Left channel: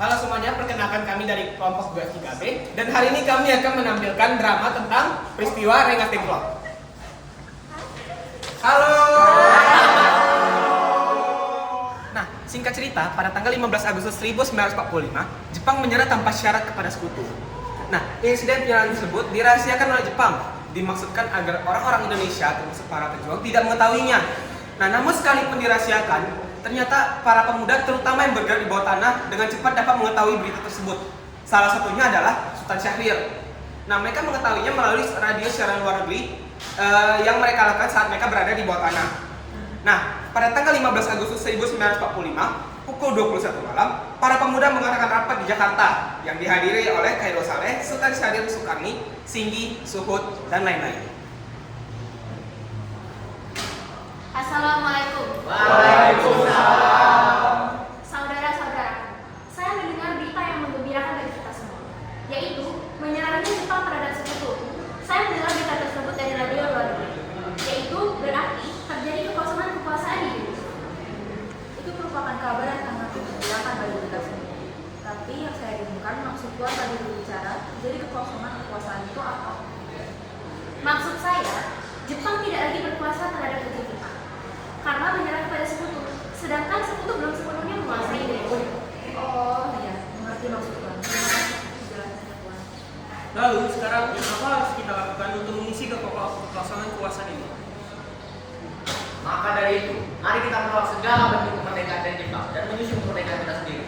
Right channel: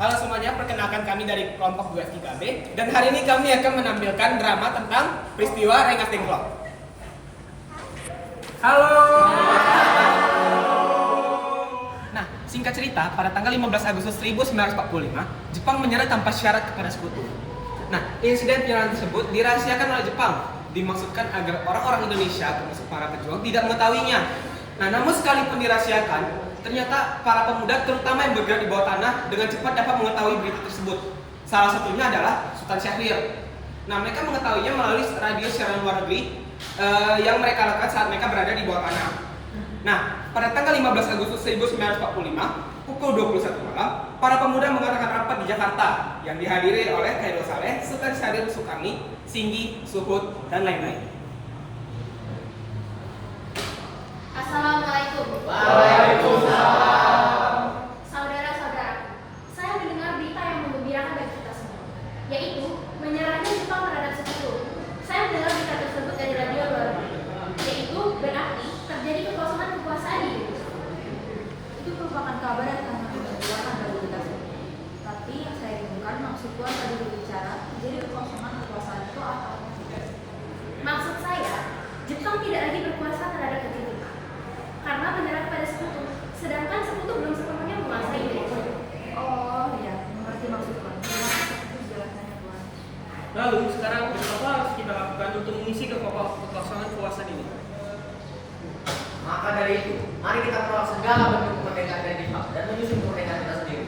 Halo semuanya, perkenalkan kami dari kelompok 23B dan hari ini kami akan menampilkan drama tentang peristiwa Rengas Dengklok. Halo. Nah, singkat cerita, pada tanggal 15 Agustus 1945, Jepang menyerah tanpa syarat kepada sekutu. Nah, insiden penyerangan tersebut dirahasiakan oleh Jepang, dimaksudkan agar orang-orang Indonesia termasuk para pejuang tidak mengetahuinya. Nah, namun sekalipun dirahasiakan, ternyata para pemuda terutama yang bergerak di bawah tanah dengan cepat dapat mengetahui berita tersebut. Salah satunya adalah Sultan Syahrir. Nah, mereka mengetahuinya melalui radio siaran luar negeri yang mereka lakukan saat mereka berada di bawah tanah. Nah, pada tanggal 15 Agustus 1945, pukul 21 malam, para pemuda mengadakan rapat di Jakarta yang dihadiri oleh Khairul Saleh, Sultan Syahrir Sukarni, Singgi, Suhud, dan lain-lain. Assalamualaikum. Waalaikumsalam. Saudara-saudaraku, saya mendengar berita yang menggembirakan bagi kita semua, yaitu menyerahnya Jepang terhadap sekutu. Saya mendengar berita tersebut dari radio luar negeri, yaitu berarti terjadi kekosongan kekuasaan di Indonesia. Itu merupakan kabar yang sangat mengembirakan bagi kita semua. Tapi yang saya rindukan maksud Tuhan tadi berbicara terjadi kekosongan kekuasaan itu apa? Maksud saya, Jepang tidak lagi berkuasa terhadap negeri kita karena menyerah kepada sekutu, sedangkan sekutu belum sepenuhnya menguasai Indonesia. Oh iya, mengerti maksud Tuhan. Terima kasih atas penjelasannya Tuhan. Lalu, sekarang apa harus kita lakukan untuk mengisi kekosongan kekuasaan ini? Maka dari itu, mari kita menolak segala bentuk kemerdekaan dari Jepang dan menyusun kemerdekaan kita sendiri.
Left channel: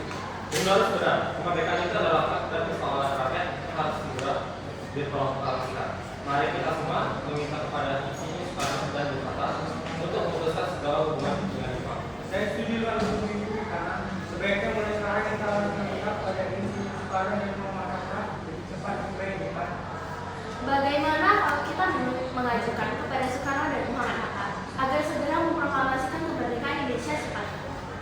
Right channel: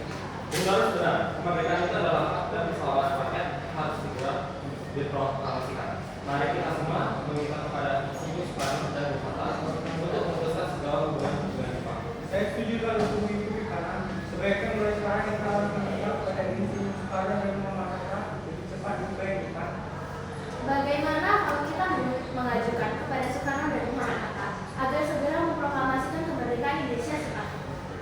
Benar, kemerdekaan itu adalah hak dan kedaulatan rakyat harus segera diproklamasikan. Mari kita semua meminta kepada Singgi Soekarno dan Bung Hatta untuk memutuskan segala hubungan dengan Jepang. Saya setuju dengan hukum itu karena sebaiknya mulai sekarang kita harus meminta kepada Singgi Soekarno dan Bung Hatta lebih cepat juga yang cepat. Bagaimana kalau kita mengajukan kepada Soekarno dan Muhammad Hatta agar segera memproklamasikan kemerdekaan Indonesia cepat?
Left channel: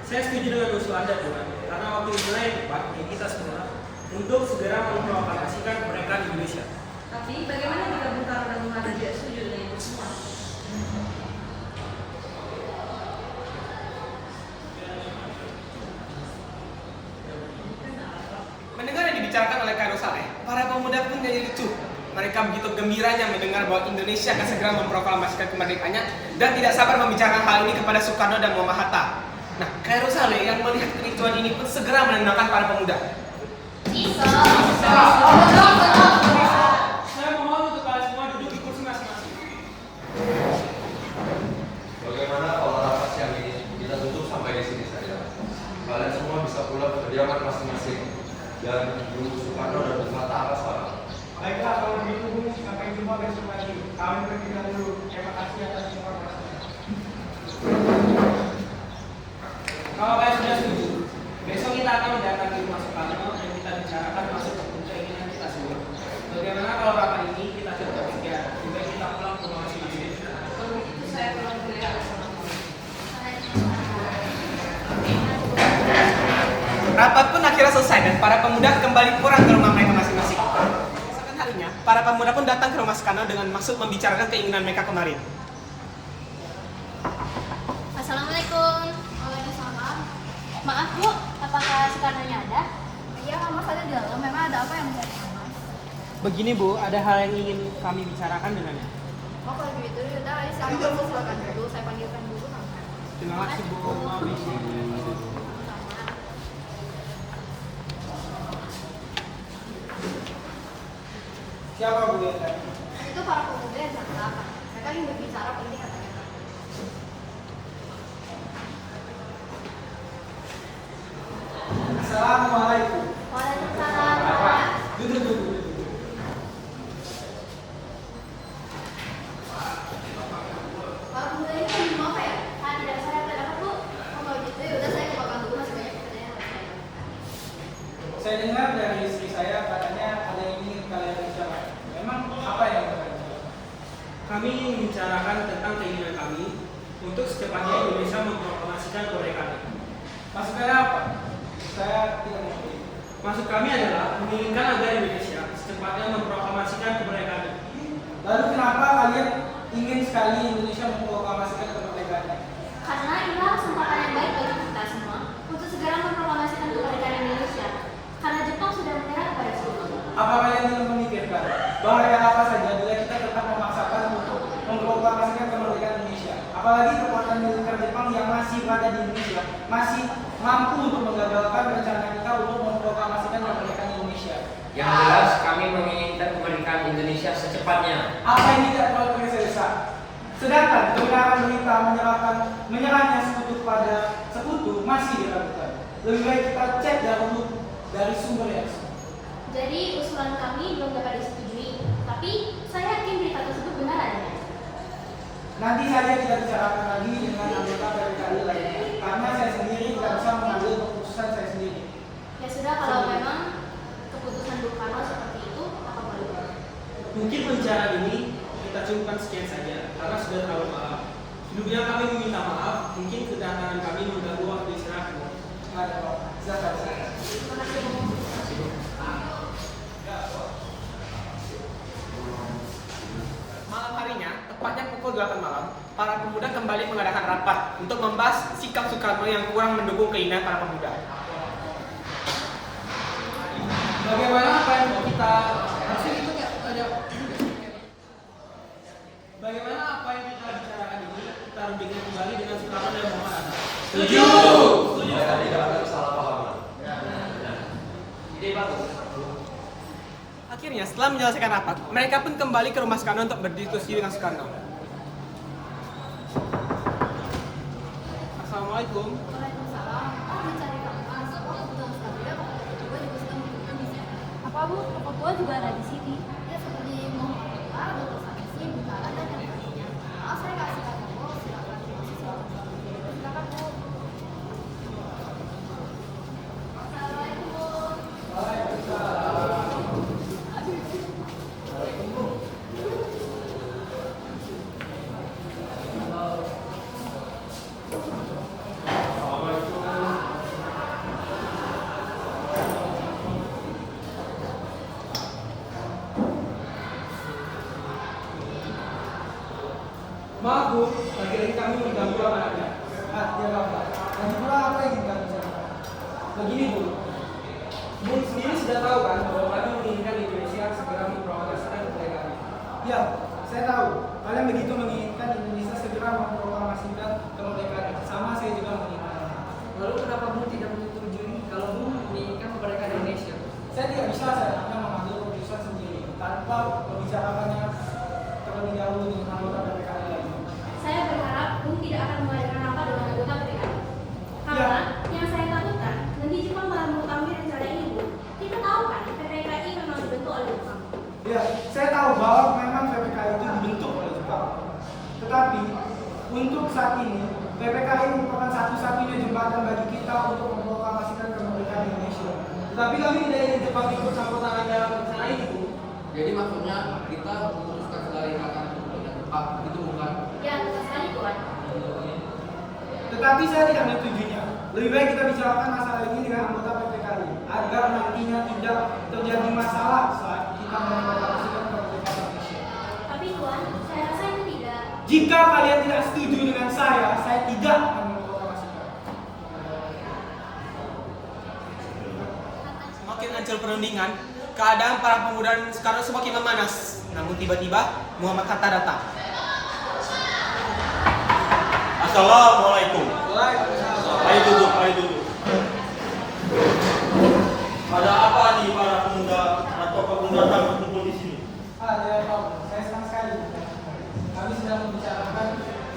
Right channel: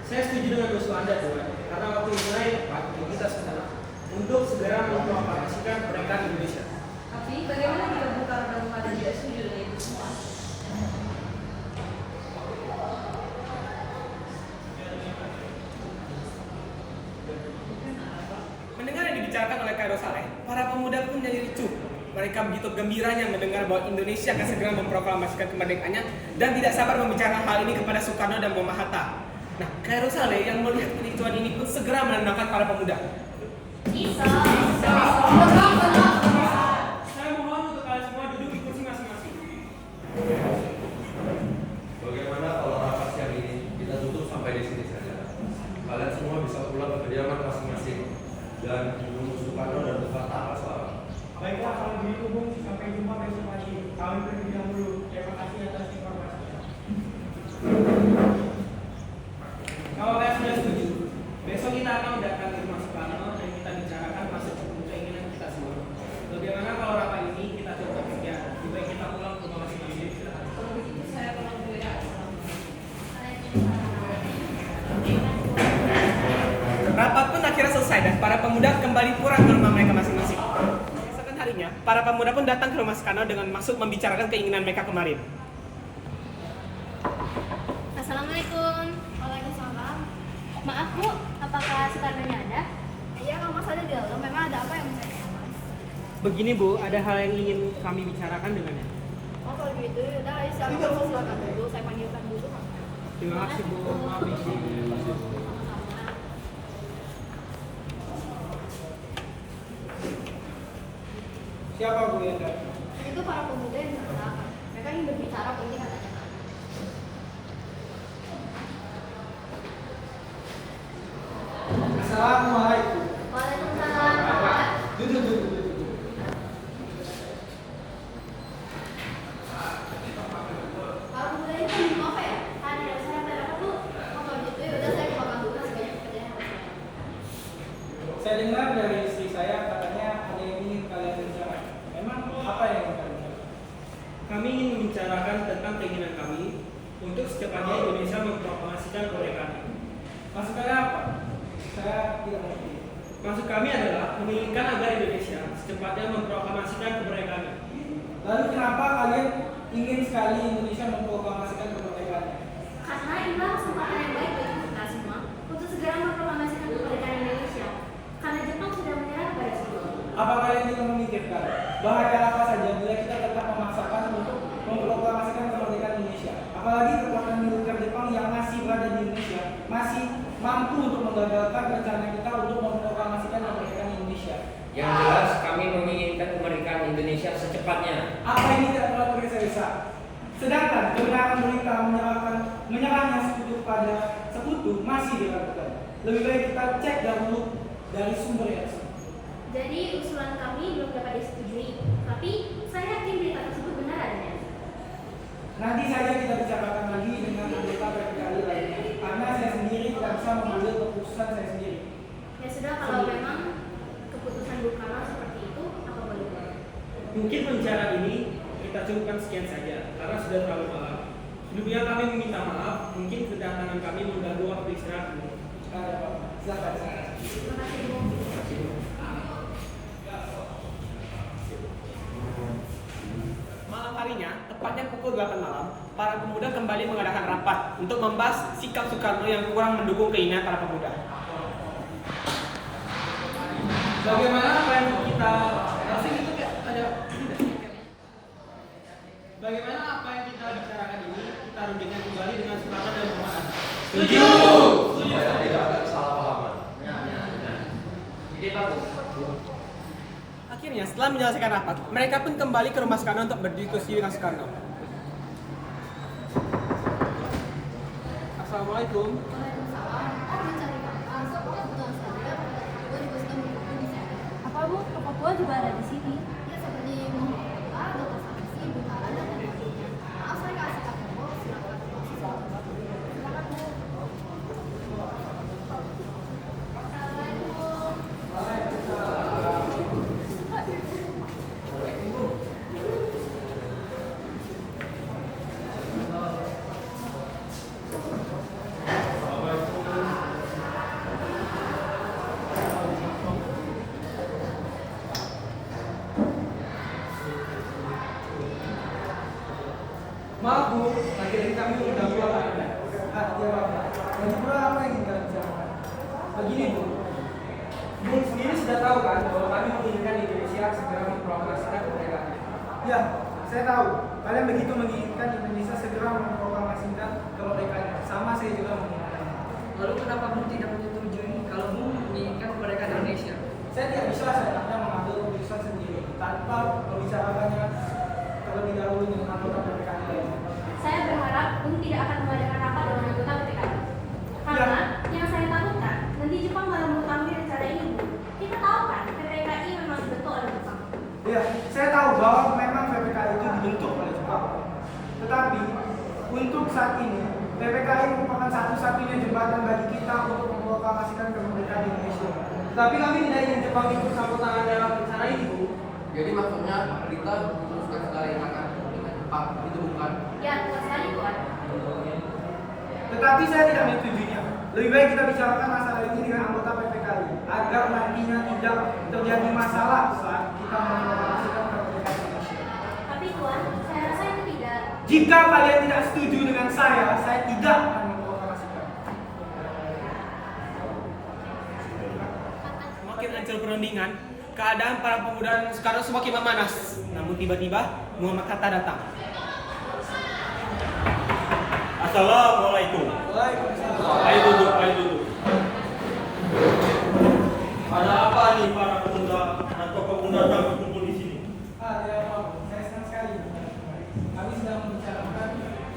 Saya setuju dengan usul Anda, Tuan, karena waktu itu yang tepat bagi kita semua untuk segera memproklamasikan kemerdekaan Indonesia. Tapi bagaimana jika Bung Karno dan Bung Hatta tidak setuju dengan itu semua? Mendengar yang dibicarakan oleh Khairul Saleh, para pemuda pun jadi ricuh. Mereka begitu gembiranya mendengar bahwa Indonesia akan segera memproklamasikan kemerdekaannya dan tidak sabar membicarakan hal ini kepada Soekarno dan Muhammad Hatta. Nah, Khairul Saleh yang melihat kericuan ini pun segera menenangkan para pemuda. Saya mohon untuk kalian semua duduk di kursi masing-masing. Bagaimana kalau rapat siang ini kita tutup sampai di sini saja? Kalian semua bisa pulang ke kediaman masing-masing dan menunggu Soekarno dan Bung Hatta apa soal? Baiklah kalau begitu Bung, sampai jumpa besok lagi. Kami pergi dahulu. Terima kasih atas informasi. Kalau kalian sudah setuju, besok kita akan mendatangi rumah Soekarno dan kita bicarakan masuk ke keinginan kita semua. Bagaimana kalau rapat ini kita tutup sekian, juga kita pulang ke rumah masing-masing. Kalau begitu saya pulang dulu ya. Assalamualaikum. Rapat pun akhirnya selesai dan para pemuda kembali pulang ke rumah mereka masing-masing. Keesokan harinya, para pemuda pun datang ke rumah Soekarno dengan maksud membicarakan keinginan mereka kemarin. Assalamualaikum. Waalaikumsalam. Maaf Bu, apakah Soekarno-nya ada? Iya, Mama ada di dalam. Memang ada apa yang mencari Mama? Begini Bu, ada hal yang ingin kami bicarakan dengannya. Oh kalau gitu, yaudah ayo silakan silakan dulu. Saya panggilkan dulu Mama. Terima kasih Bu. Siapa Bu yang tadi? Itu para pemuda yang sangat mereka ingin berbicara penting katanya. Assalamualaikum. Waalaikumsalam. Duduk. Para pemuda ini kan mau apa ya? Tidak saya ada apa Bu? Oh kalau gitu ya udah saya kebakan dulu masih banyak pekerjaan yang harus saya lakukan. Saya dengar dari istri saya katanya ada yang ingin kalian bicarakan. Memang apa yang ingin kalian bicarakan? Kami ingin bicarakan tentang keinginan kami untuk secepatnya Indonesia memproklamasikan kemerdekaan. Maksudnya apa? Saya tidak mengerti. Maksud kami adalah menginginkan agar Indonesia secepatnya memproklamasikan kemerdekaan. Lalu kenapa kalian ingin sekali Indonesia memproklamasikan kemerdekaannya? Karena inilah kesempatan yang baik bagi kita semua untuk segera memproklamasikan kemerdekaan Indonesia. kemerdekaan. Bahaya apa saja bila kita tetap memaksakan untuk memproklamasikan kemerdekaan Indonesia. Apalagi kekuatan militer Jepang yang masih berada di Indonesia masih mampu untuk menggagalkan rencana kita untuk memproklamasikan kemerdekaan Indonesia. Yang jelas kami menginginkan kemerdekaan Indonesia secepatnya. Apa ini tidak perlu tergesa-gesa? Sedangkan kebenaran berita menyerahnya sekutu kepada sekutu masih diragukan. Lebih baik kita cek dahulu dari sumber yang sah. Jadi usulan kami belum dapat disetujui, tapi saya yakin berita tersebut benar adanya. Nanti saja kita bicarakan lagi dengan anggota PPKI lainnya. Karena saya sendiri tidak bisa mengambil keputusan saya sendiri. Ya sudah, kalau memang keputusan Bung Karno seperti itu, apa boleh? Mungkin pembicaraan ini kita cukupkan sekian saja karena sudah terlalu malam. Sebelumnya kami meminta maaf, mungkin kedatangan kami mengganggu waktu istirahat. Tidak ada apa-apa. Silakan. Terima kasih, Bung. Malam harinya, tepatnya pukul 8 malam, para pemuda kembali mengadakan rapat untuk membahas sikap Soekarno yang kurang mendukung keinginan para pemuda. Bagaimana apa yang kita Bagaimana apa yang kita bicarakan ini kita rundingkan kembali dengan Soekarno dan Muhammad. Setuju. Supaya tidak ada kesalahpahaman. Ide bagus. Akhirnya, setelah menyelesaikan rapat, mereka pun kembali ke rumah Soekarno untuk berdiskusi dengan Soekarno. Assalamualaikum. Waalaikumsalam. Oh, mencari kakak. Soalnya kebetulan sekali ya, gue juga sedang membutuhkan di sini. Apa Bu? Papua juga ada di sini. Ya seperti Muhammad Kakak, Dr. Samsi, Butara, dan yang lainnya. Maaf, saya kasih kakak kok. Silakan masuk, silakan. Silakan Bu. Assalamualaikum. Maaf Bu, lagi-lagi kami mengganggu Anda. Tidak apa-apa. Dan pula apa yang ingin kami bicarakan? Begini Bu, Bung sendiri sudah tahu kan bahwa kami menginginkan Indonesia segera memproklamasikan kemerdekaan. ya, saya tahu. Kalian begitu menginginkan Indonesia segera memproklamasikan kemerdekaan. Sama saya juga menginginkannya. Lalu kenapa Bung tidak menyetujui kalau Bung menginginkan kemerdekaan Indonesia? Saya tidak bisa saya mengambil keputusan sendiri tanpa membicarakannya terlebih dahulu dengan anggota PPKI lainnya. Saya berharap Bung tidak akan mengadakan rapat dengan anggota PPKI. Karena yang saya takutkan, nanti Jepang malah mengetahui rencana ini, Bu. Kita tahu kan, PPKI memang dibentuk oleh Jepang. Ya, saya tahu bahwa memang PPKI itu dibentuk oleh Jepang. Tetapi untuk saat ini PPKI merupakan satu-satunya jembatan bagi kita untuk memproklamasikan kemerdekaan Indonesia. Tetapi kami tidak ingin Jepang ikut campur tangan dalam rencana ini, Bu. Jadi maksudnya kita meneruskan segala yang akan dengan Jepang, itu bukan? Ya, betul sekali, Tuan. Tetapi saya tidak menyetujuinya. Lebih baik kita bicarakan masalah ini dengan anggota PPKI agar nantinya tidak terjadi masalah saat kita memproklamasikan kemerdekaan Indonesia. Tapi Tuan, saya rasa itu tidak. Jika kalian tidak setuju dengan saya tidak akan memproklamasikan. Semakin ancur perundingan, keadaan para pemuda sekarang semakin memanas. Namun tiba-tiba Muhammad Hatta datang. Assalamualaikum. Waalaikumsalam. Ayo duduk, ayo duduk. Ada apa nih para pemuda atau pendatang berkumpul di sini? Ya Pak, saya senang sekali. Kami sedang membicarakan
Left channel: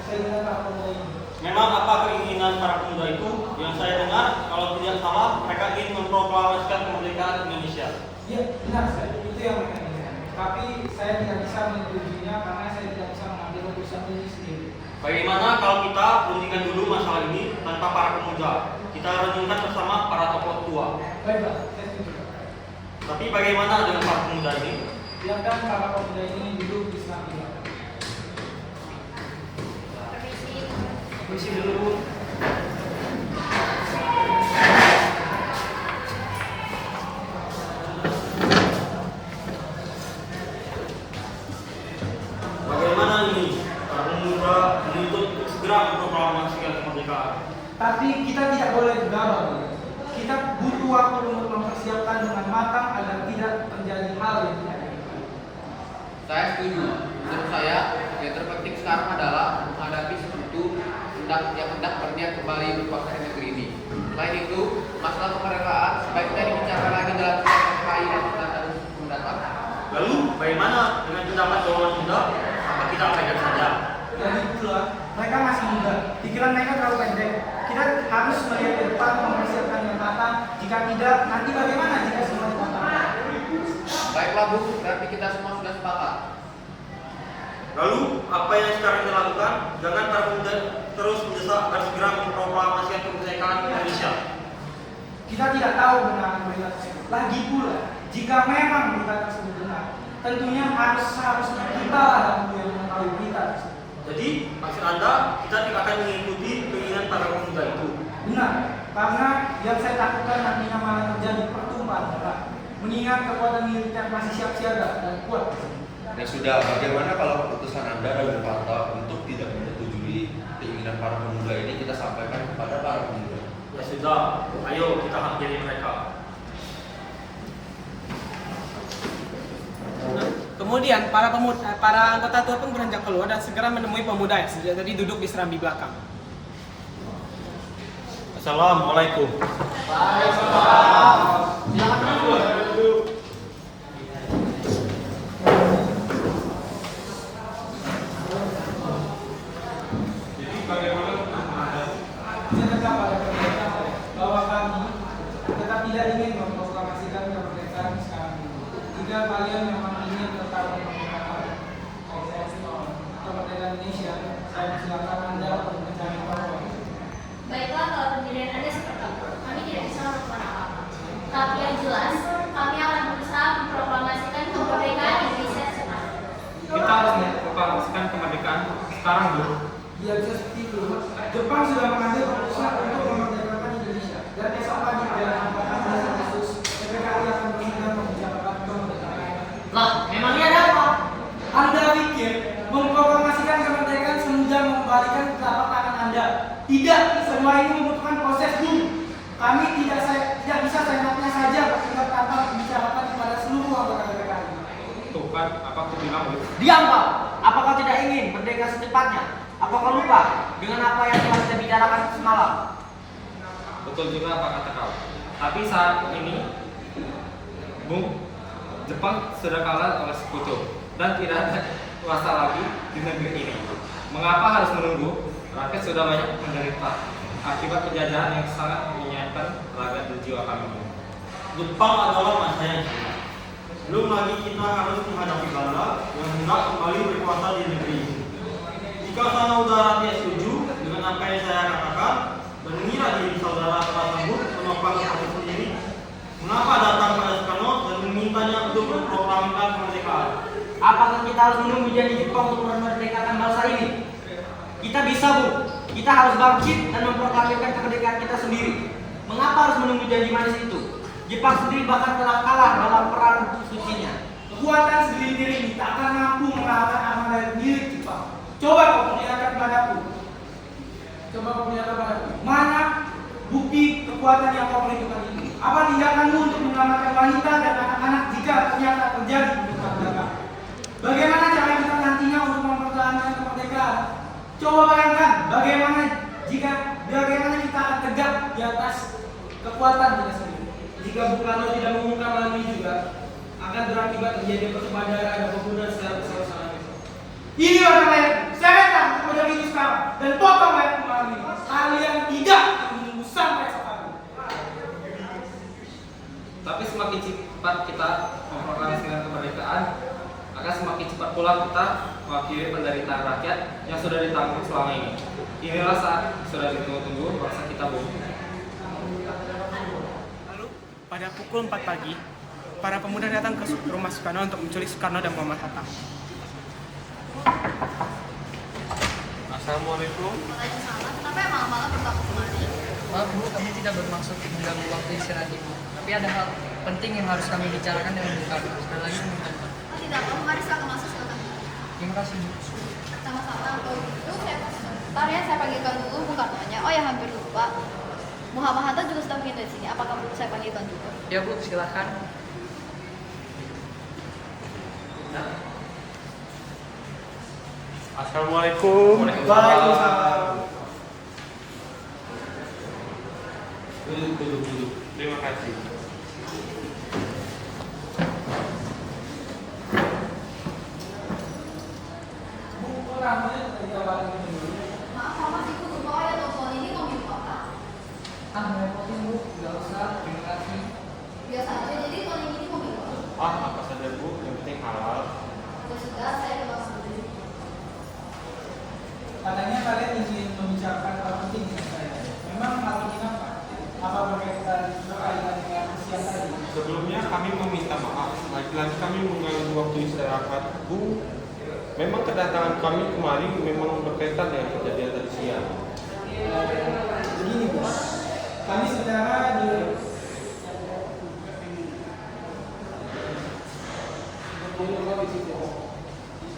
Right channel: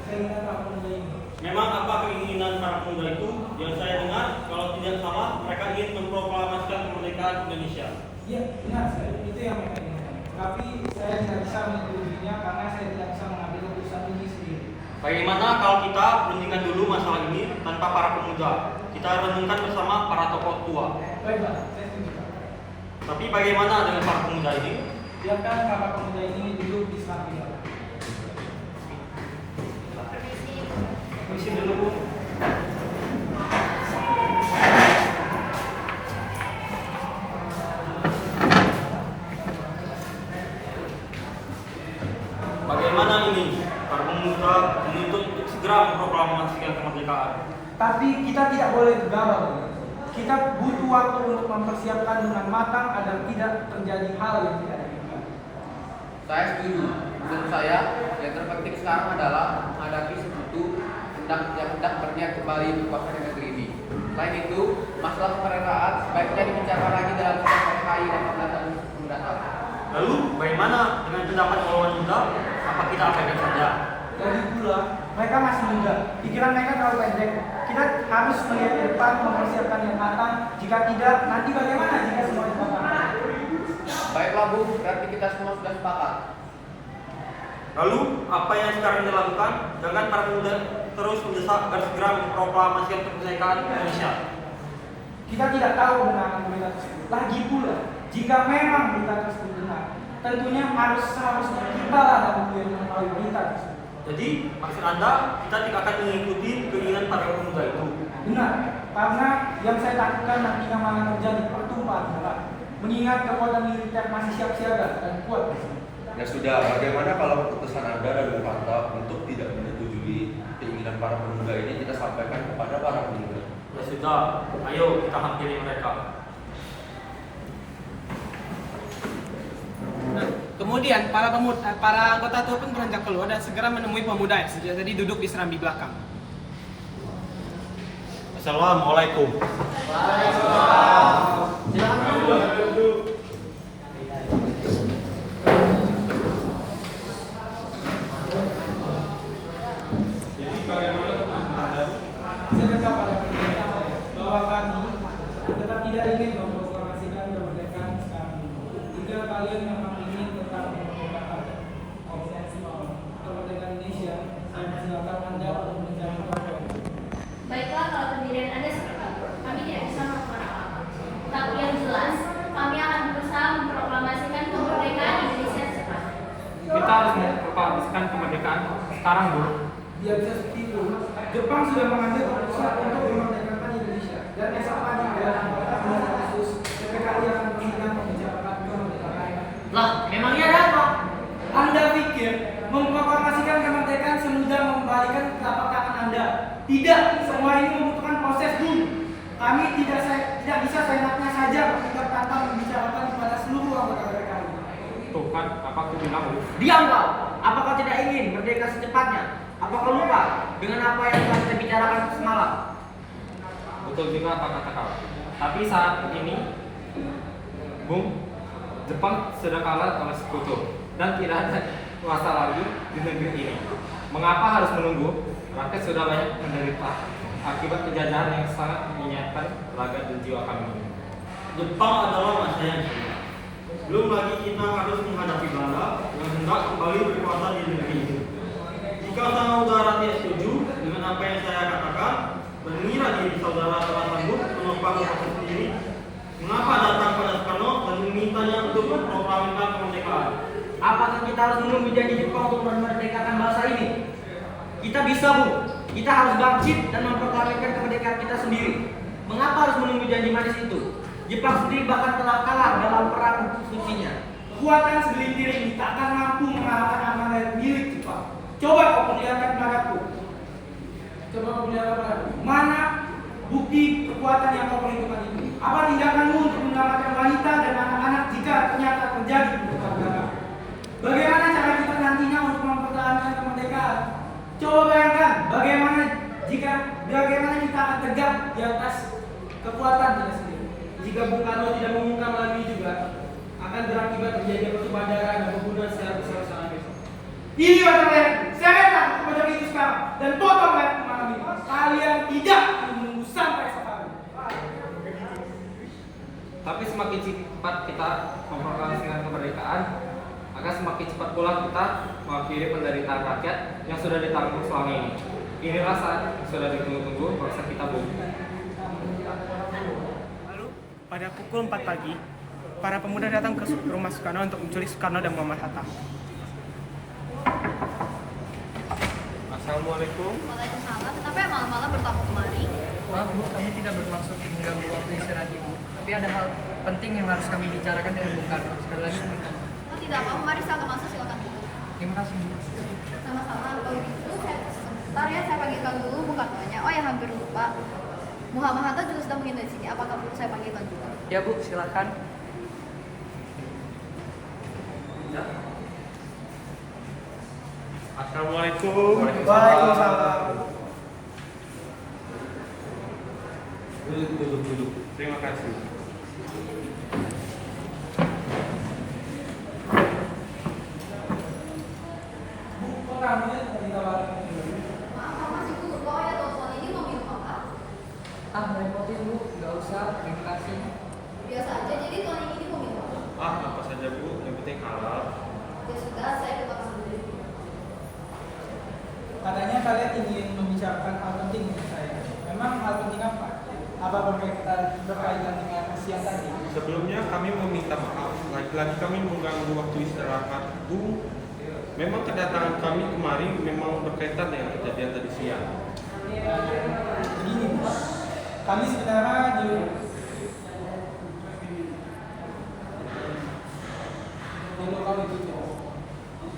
keinginan para pemuda ini. Memang apa keinginan para pemuda itu? Yang saya dengar, kalau tidak salah, mereka ingin memproklamasikan kemerdekaan Indonesia. Ya, benar sekali. Itu yang mereka inginkan. Tapi saya tidak bisa menyetujuinya karena saya tidak bisa mengambil keputusan ini sendiri. Bagaimana kalau kita perundingkan dulu masalah ini tanpa para pemuda? Kita renungkan bersama para tokoh tua. Baik Pak, saya setuju Pak. Tapi bagaimana dengan para pemuda ini? Biarkan para pemuda ini duduk di samping. Permisi dulu, Bu. Bagaimana ini? Para pemuda menuntut untuk segera memproklamasikan kemerdekaan. Tapi kita tidak boleh gegabah. Kita butuh waktu untuk mempersiapkan dengan matang agar tidak terjadi hal yang tidak diinginkan. Saya setuju. Menurut saya, yang terpenting sekarang adalah menghadapi sekutu yang hendak berniat kembali berkuasa di negeri ini. Selain itu, masalah kemerdekaan sebaiknya dibicarakan lagi dalam sidang KKI 18 Agustus mendatang. Lalu bagaimana dengan pendapat omongan kita? Apa kita abaikan saja? Lagi pula, mereka masih muda, pikiran mereka terlalu pendek. Kita harus melihat ke depan, mempersiapkan yang matang. Jika tidak, nanti bagaimana jika semua dipotong? Baiklah Bu, berarti kita semua sudah sepakat. Lalu apa yang sekarang kita lakukan? Jangan para pemuda terus mendesak agar segera memproklamasikan kemerdekaan Indonesia. Kita tidak tahu benar berita tersebut. Lagi pula, jika memang berita tersebut benar, tentunya seharusnya kita dahulu yang mengetahui berita tersebut. Jadi maksud Anda kita tidak akan mengikuti keinginan para pemuda itu? Benar, karena yang saya takutkan nantinya malah terjadi pertumpahan darah. Mengingat kekuatan militer masih siap siaga dan kuat. Ya sudah, bagaimana kalau keputusan Anda dan Bapak untuk tidak menyetujui keinginan para pemuda ini kita sampaikan kepada para pemuda? Ya sudah, ayo kita hampiri mereka. Nah, kemudian para anggota tua pun beranjak keluar dan segera menemui pemuda yang sudah tadi duduk di serambi belakang. Assalamualaikum. Jadi bagaimana Saya pada mereka bahwa kami tetap tidak ingin memproklamasikan kemerdekaan sekarang ini. Jika kalian memang ingin tetap memerdekakan kemerdekaan Indonesia, saya persilakan Anda untuk mencari kompromi. Baiklah, kalau pendirian Anda seperti itu, kami tidak bisa melakukan apa-apa. Tapi yang jelas, kami akan berusaha memproklamasikan kemerdekaan Indonesia sekarang. kita harus memproklamasikan kemerdekaan sekarang dulu. Biar bisa seperti itu, Jepang sudah mengambil keputusan untuk memerdekakan Indonesia. Dan esok pagi pada 14 Agustus, PPKI akan mengingat membicarakan kemerdekaan. Lah, memangnya ada apa? Anda pikir memproklamasikan kemerdekaan semudah mengembalikan telapak tangan Anda? Tidak, semua ini membutuhkan proses dulu. Kami tidak bisa seenaknya saja bertindak tanpa membicarakan kepada seluruh anggota PPKI. Tuh kan, apa aku bilang Bu? Diam kau. Apa kau tidak ingin merdeka secepatnya? Apa kau lupa dengan apa yang telah kita bicarakan semalam? Betul juga apa kata kau. Tapi saat ini, Bung, Jepang sudah kalah oleh sekutu dan tidak ada kuasa lagi di negeri ini. Mengapa harus menunggu? Rakyat sudah banyak menderita akibat penjajahan yang sangat menyiapkan raga dan jiwa kami. Jepang adalah masa yang sulit. Belum lagi kita harus menghadapi Belanda yang hendak kembali berkuasa di negeri ini. Jika saudara tidak setuju dengan apa yang saya katakan dan mengira diri saudara telah sanggup menopang proses sendiri, mengapa datang pada Soekarno dan memintanya untuk memproklamasikan kemerdekaan? Apakah kita harus menunggu janji Jepang untuk memerdekakan bangsa ini? Kita bisa, Bu. Kita harus bangkit dan memproklamasikan kemerdekaan kita sendiri. Mengapa harus menunggu janji manis itu? Jepang sendiri bahkan telah kalah dalam perang sucinya. Kekuatan segelintir ini tak akan mampu mengalahkan armada milik Jepang. Coba kau perlihatkan padaku. Mana bukti kekuatan yang kau perhitungkan itu? Apa tindakanmu untuk menyelamatkan wanita dan anak-anak jika ternyata terjadi benturan belakang? Bagaimana cara kita nantinya untuk mempertahankan kemerdekaan? Coba bayangkan bagaimana kita akan tegak di atas kekuatan kita sendiri. Jika Bung Karno tidak mengungkap hal ini juga, akan berakibat terjadi pertumpahan darah dan pembunuhan secara besar-besaran. Ini orang lain, seretlah kepada itu sekarang dan potong leher malam ini. Kalian tidak menunggu sampai sekarang. Tapi semakin cepat kita memproklamasikan kemerdekaan, akan semakin cepat pula kita mewakili penderitaan rakyat yang sudah ditanggung selama ini. Inilah saat sudah ditunggu-tunggu bangsa kita, Bung. Lalu, pada pukul 4 pagi, para pemuda datang ke rumah Soekarno untuk menculik Soekarno dan Muhammad Hatta. Assalamualaikum. Waalaikumsalam. Tapi malam-malam bertamu kemari. Maaf Bu, kami tidak bermaksud mengganggu waktu istirahat Ibu. Tapi ada hal penting yang harus kami bicarakan dengan Bung Karno. Sekali lagi Bung Karno. Oh tidak, kamu mari silakan masuk silakan. Terima kasih Bu. Sama-sama. Oh gitu, bentar ya saya panggilkan dulu Bung Karnonya. Oh ya hampir lupa. Muhammad Hatta juga sedang mengintai di sini. Apakah perlu saya panggilkan juga? Ya Bu, silakan. Assalamualaikum. Waalaikumsalam. Duduk. Terima kasih. Bu, kok namanya tadi tawaran ini? Maaf, Pak, masih butuh bawa ya telepon ini mau minta apa? Ngerepotin bu, nggak usah, terima kasih. Biasa aja, jadi tahun ini mau minta apa? Apa saja Bu, yang penting halal. Ya sudah, saya ke belakang dulu. Katanya kalian ingin membicarakan hal penting dengan saya. Memang hal penting apa? Apa berkaitan dengan usia tadi? Sebelumnya kami meminta maaf, lagi-lagi kami mengganggu waktu istirahat Bu. Memang kedatangan kami kemari memang berkaitan dengan kejadian tadi siang. Begini Bu, kami sebenarnya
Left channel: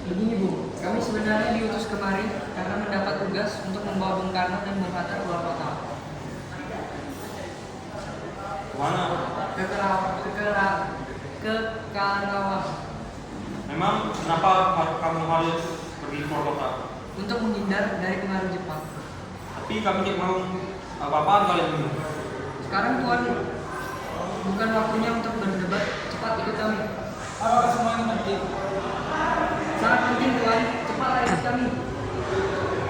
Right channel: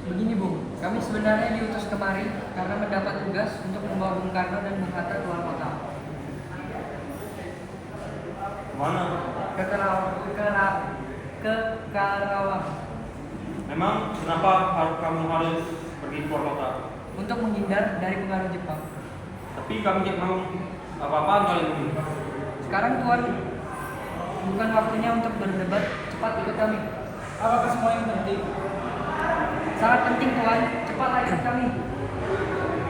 Begini Bu, kami sebenarnya diutus kemari karena mendapat tugas untuk membawa Bung Karno dan Bung Hatta keluar kota. Mana? Ke Karawang Memang kenapa kamu harus pergi ke kota? untuk menghindar dari pengaruh Jepang. Tapi kami tidak mau apa-apaan kali ini. Sekarang Tuan, bukan waktunya untuk berdebat, cepat ikut kami. apakah semua ini penting? Sangat penting Tuan, cepatlah ikut kami.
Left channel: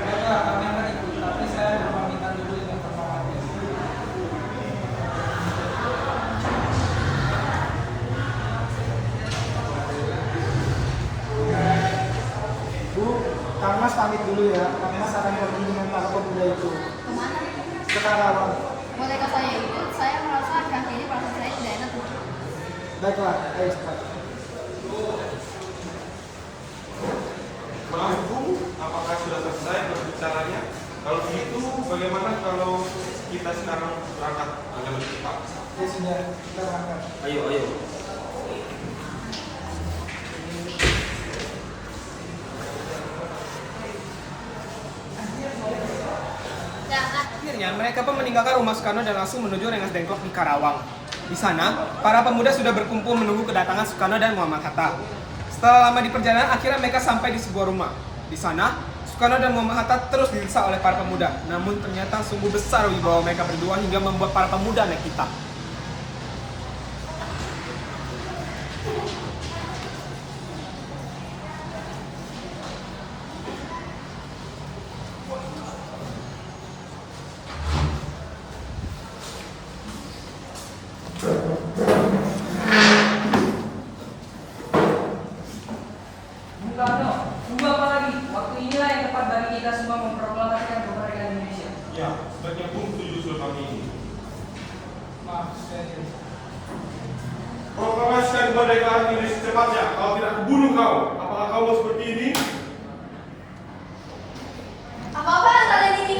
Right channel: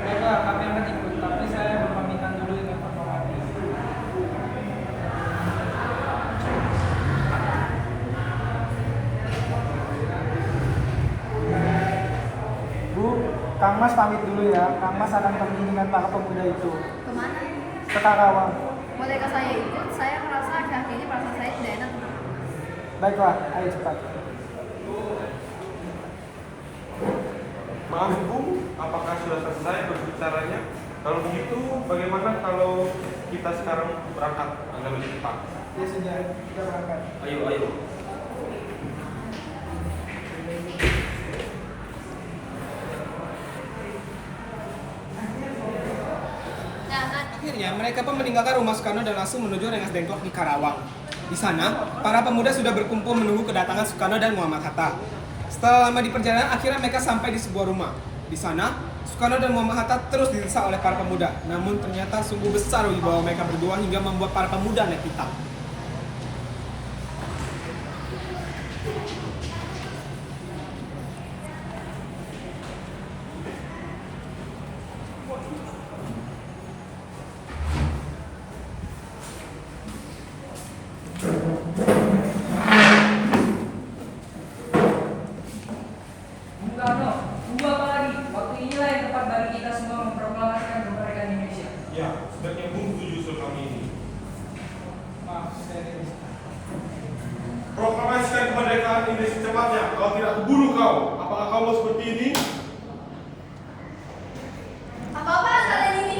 Baiklah, kami akan ikut, tapi saya berpamitan dulu dengan pertolongan. Bu, Kang Mas pamit dulu ya. Kang Mas akan pergi dengan para pemuda itu. Kemana? Ke Karawang. Bolehkah saya ikut? Saya merasa akhir-akhir ini perasaan saya tidak enak. Baiklah, ayo cepat. Maaf Bu, apakah sudah selesai berbicaranya? Kalau begitu, bagaimana kalau kita sekarang berangkat agak lebih cepat? Ya sudah, kita berangkat. Ayo. Akhirnya mereka pun meninggalkan rumah Soekarno dan langsung menuju Rengas Dengklok di Karawang. Di sana, para pemuda sudah berkumpul menunggu kedatangan Soekarno dan Muhammad Hatta. Setelah lama di perjalanan, akhirnya mereka sampai di sebuah rumah. Di sana, Soekarno dan Muhammad Hatta terus didesak oleh para pemuda. Namun ternyata sungguh besar wibawa mereka berdua hingga membuat para pemuda naik hitam. Bung Karno, tunggu apa lagi? Waktu inilah yang tepat bagi kita semua memproklamasikan kemerdekaan Indonesia. Ya, sebaiknya Bung setuju usul kami ini. Maaf, saya ini. Proklamasikan kemerdekaan ini secepatnya. Kalau tidak, kubunuh kau. Apakah kau mau seperti ini? Apa-apaan kalian ini?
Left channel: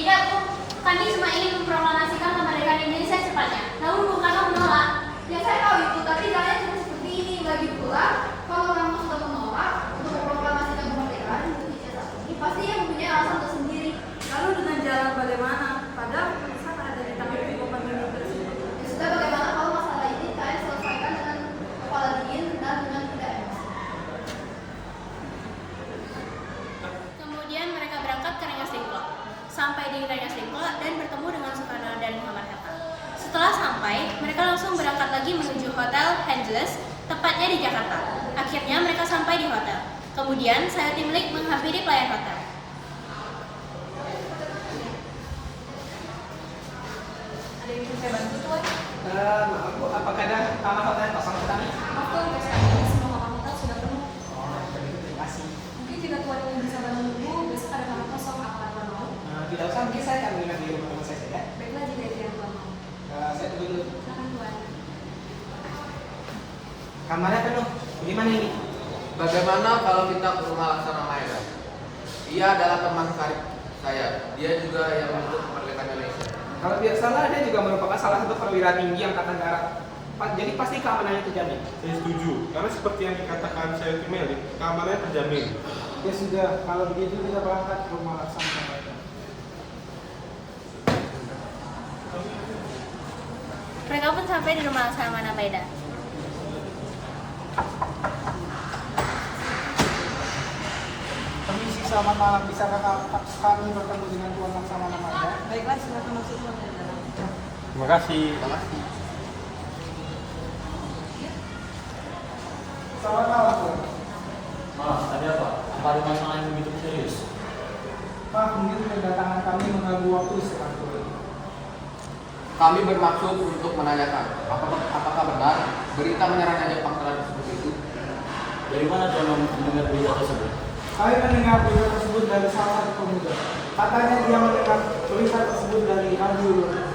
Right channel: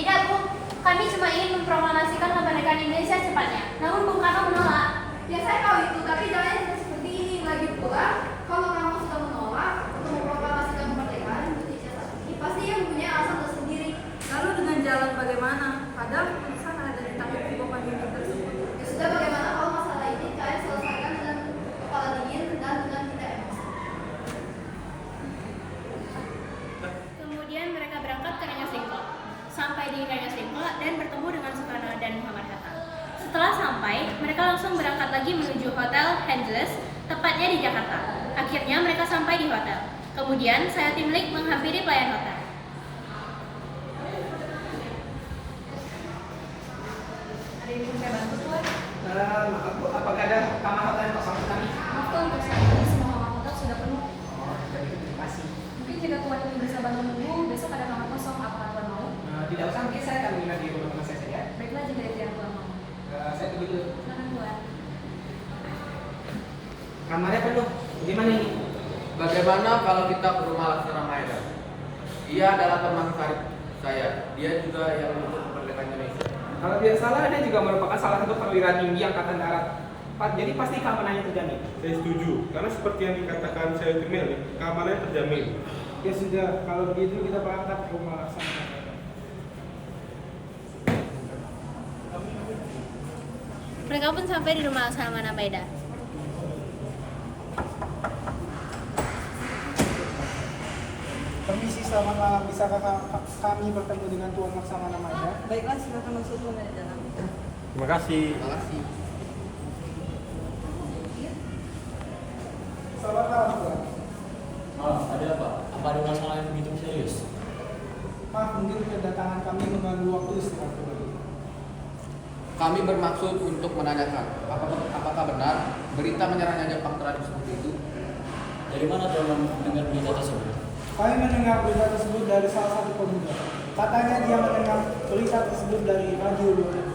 Tidak, Bu. Kami cuma ingin memproklamasikan kemerdekaan Indonesia secepatnya. Namun Bung Karno menolak. Ya saya tahu itu, tapi kalian tidak seperti ini. Lagi pula, kalau kamu sudah menolak untuk memproklamasikan kemerdekaan Indonesia saat ini, pasti yang mempunyai alasan tersendiri. Lalu dengan jalan bagaimana? Padahal keputusan ada di tangan Ketua Militer tersebut. Ya sudah, bagaimana kalau masalah ini kalian selesaikan dengan kepala dingin dan dengan tidak emosi. Kemudian mereka berangkat ke Rengas Dengklok. Sampai di Rengas Dengklok dan bertemu dengan Soekarno dan Muhammad Hatta. Setelah sampai, mereka langsung berangkat lagi menuju Hotel Angeles, tepatnya di Jakarta. Akhirnya mereka sampai di hotel. Kemudian saya tim Lik menghampiri pelayan hotel. Ada yang bisa saya bantu tuan? Maaf Bu, apakah ada kamar hotel yang kosong untuk kami? Maaf tuan, untuk saat ini semua kamar hotel sudah penuh. Oh, terima kasih. Mungkin jika tuan ingin bersabar menunggu, besok ada kamar kosong. Apakah tuan mau? Tidak usah, mungkin saya akan menginap di rumah teman saya saja. Baiklah jika itu yang tuan mau. Saya pergi dulu. Silakan tuan. Kamarnya penuh. Bagaimana ini? Bagaimana kalau kita ke rumah Laksana Maeda? Dia adalah teman karib saya. Dia juga yang menuntut kemerdekaan Indonesia. Kalau tidak salah, dia juga merupakan salah satu perwira tinggi Angkatan Darat. Jadi pasti keamanannya terjamin. Saya setuju, karena seperti yang dikatakan saya itu Melik, kamarnya terjamin. Ya sudah, kalau begitu kita berangkat ke rumah Laksana. Mereka pun sampai di rumah Laksamana Maeda. Permisi, selamat malam. Bisakah kami bertemu dengan Tuan Laksamana Maeda? Baiklah, silakan masuk Tuan dari dalam. Terima kasih. Terima kasih. Selamat malam, Tuan. Malah, ada apa? Apa ada masalah yang begitu serius? Maaf, mungkin kedatangan kami mengganggu waktu istirahat Tuan. Kami bermaksud untuk menanyakan apakah benar berita menyerangnya Jepang terhadap seperti itu? Dari mana Tuan mendengar berita tersebut? Kami mendengar berita tersebut dari salah satu pemuda. Katanya dia mendengar berita tersebut dari radio luar.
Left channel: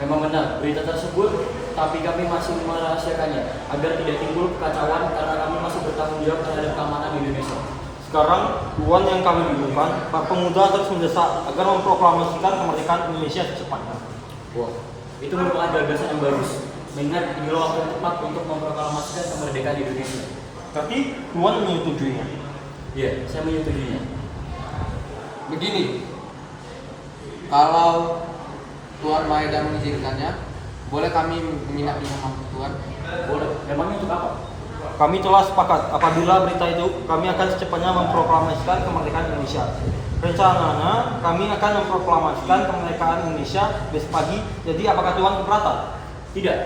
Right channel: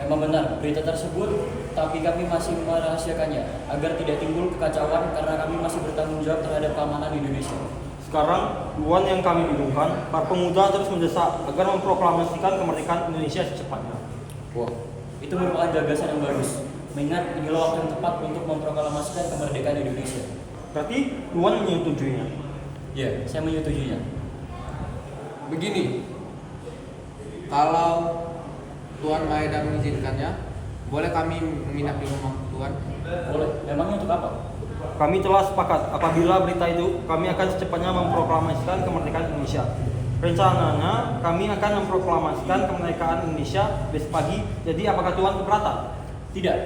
Memang benar berita tersebut, tapi kami masih merahasiakannya agar tidak timbul kekacauan karena kami masih bertanggung jawab terhadap keamanan Indonesia. Sekarang, tuan yang kami bingung,kan Pak Pemuda terus mendesak agar memproklamasikan kemerdekaan Indonesia secepatnya. Wah, itu merupakan gagasan yang bagus. Mengingat inilah waktu yang tepat untuk memproklamasikan kemerdekaan Indonesia. Berarti tuan menyetujuinya. Iya, saya menyetujuinya. Begini, kalau Tuan Maeda mengizinkannya, boleh kami menginap di rumah Tuan? Boleh. Memangnya untuk apa? Kami telah sepakat apabila berita itu kami akan secepatnya memproklamasikan kemerdekaan Indonesia. Rencananya kami akan memproklamasikan kemerdekaan Indonesia besok pagi. Jadi apakah Tuan keberatan? Tidak,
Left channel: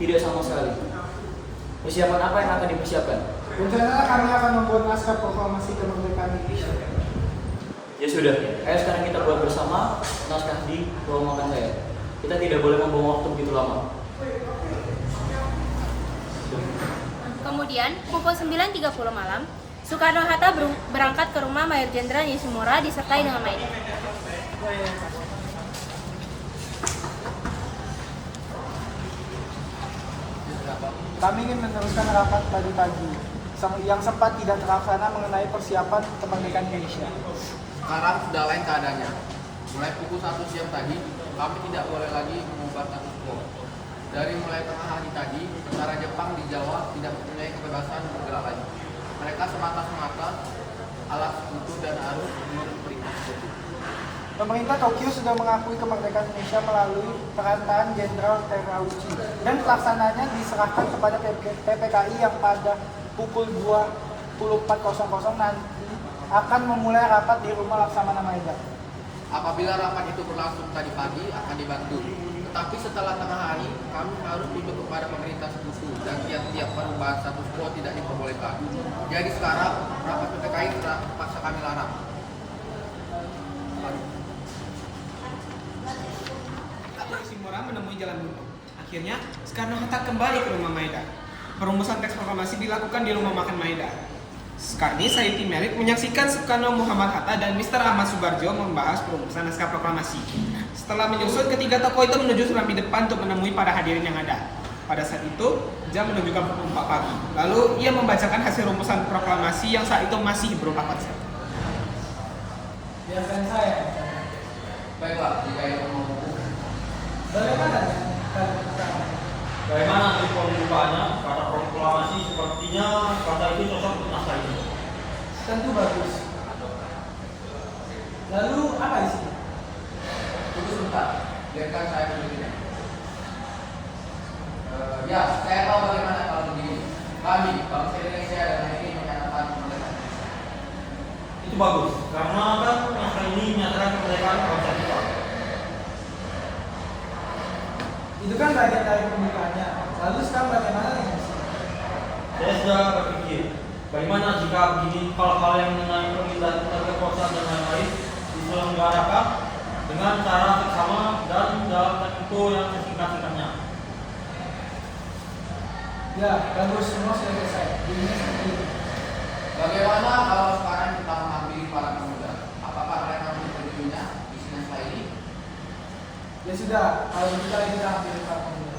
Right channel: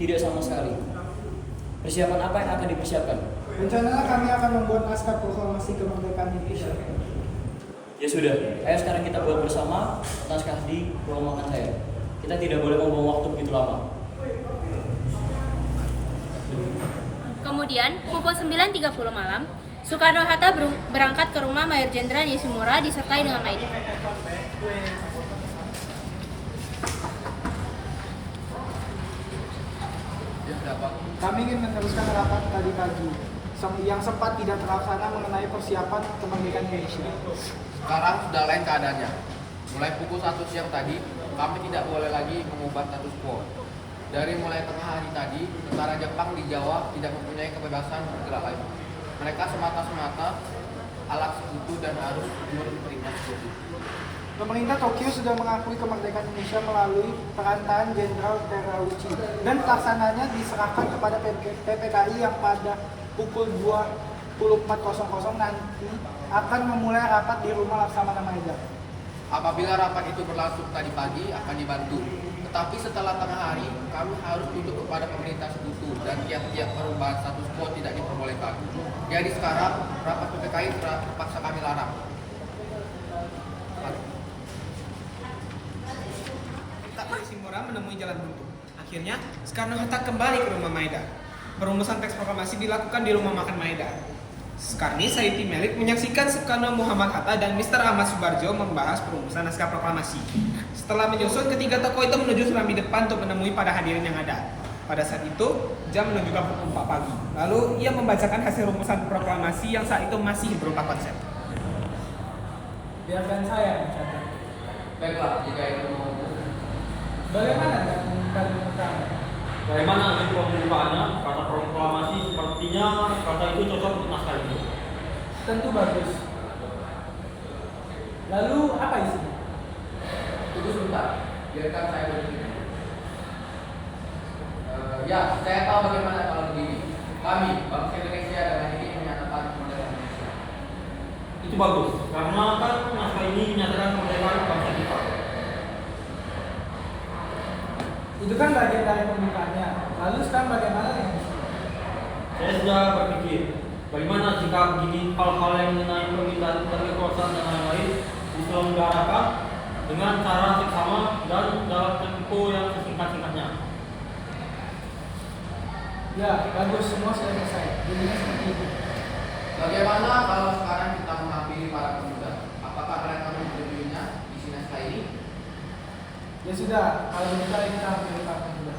tidak sama sekali. Persiapan apa yang akan dipersiapkan? Rencananya kami akan membuat naskah proklamasi kemerdekaan Indonesia. Ya sudah, ayo sekarang kita buat bersama naskah di ruang makan saya. Kita tidak boleh membuang waktu begitu lama. Kemudian, pukul 9.30 malam, Soekarno-Hatta berangkat ke rumah Mayor Jenderal Yoshimura disertai dengan Maeda. Kami ingin meneruskan rapat tadi pagi yang sempat tidak terlaksana mengenai persiapan kemerdekaan Indonesia. Sekarang sudah lain keadaannya. Mulai pukul 1 siang tadi, kami tidak boleh lagi mengubah status quo. Dari mulai tengah hari tadi, tentara Jepang di Jawa tidak mempunyai kebebasan bergerak lagi. Mereka semata-mata alat sekutu dan harus menurut perintah sekutu. Pemerintah Tokyo sudah mengakui kemerdekaan Indonesia melalui perantaraan Jenderal Terauchi dan pelaksananya diserahkan kepada PPKI yang pada pukul 24.00 nanti akan memulai rapat di rumah Laksamana Maeda. Apabila rapat itu berlangsung tadi pagi akan dibantu. Tetapi setelah tengah hari, kami harus tunduk kepada pemerintah sekutu dan tiap-tiap perubahan status quo tidak diperbolehkan. Jadi sekarang rapat PPKI terpaksa kami larang. Yoshimura menemui jalan buntu. Akhirnya, Soekarno-Hatta kembali ke rumah Maeda. Perumusan teks proklamasi dilakukan di rumah makan Maeda. Sekarang ini Sayuti Melik menyaksikan Soekarno Muhammad Hatta dan Mr. Ahmad Subarjo membahas perumusan naskah proklamasi. Setelah menyusun, ketiga tokoh itu menuju serambi depan untuk menemui para hadirin yang ada. Pada saat itu, jam menunjukkan pukul 4 pagi. Lalu, ia membacakan hasil rumusan proklamasi yang saat itu masih berupa konsep. Biarkan saya membacakan. Baiklah, jika itu membantu. Bagaimana dengan pembukaan? Bagaimana untuk pembukaannya? Kata proklamasi sepertinya kata itu cocok untuk naskah ini. Tentu bagus. Lalu apa isinya? Tunggu sebentar, biarkan saya berpikir. Ya, saya tahu bagaimana kalau begini. Kami, bangsa Indonesia dengan ini menyatakan kemerdekaan Indonesia. Itu bagus, karena kan naskah ini menyatakan kemerdekaan bangsa kita. Itu kan bagian dari pembukaannya. Lalu sekarang bagaimana dengan isinya? Saya sudah berpikir, bagaimana jika begini hal-hal yang mengenai permintaan tentang kekuasaan dan lain-lain diselenggarakan dengan cara seksama dan dalam tempo yang sesingkat-singkatnya. Ya, bagus. Semua sudah selesai. Jadinya seperti itu. Bagaimana kalau sekarang kita mengambil para pemuda? Apakah mereka menyetujui isinya saya ini? Ya sudah, kalau begitu kita hampir para pemuda.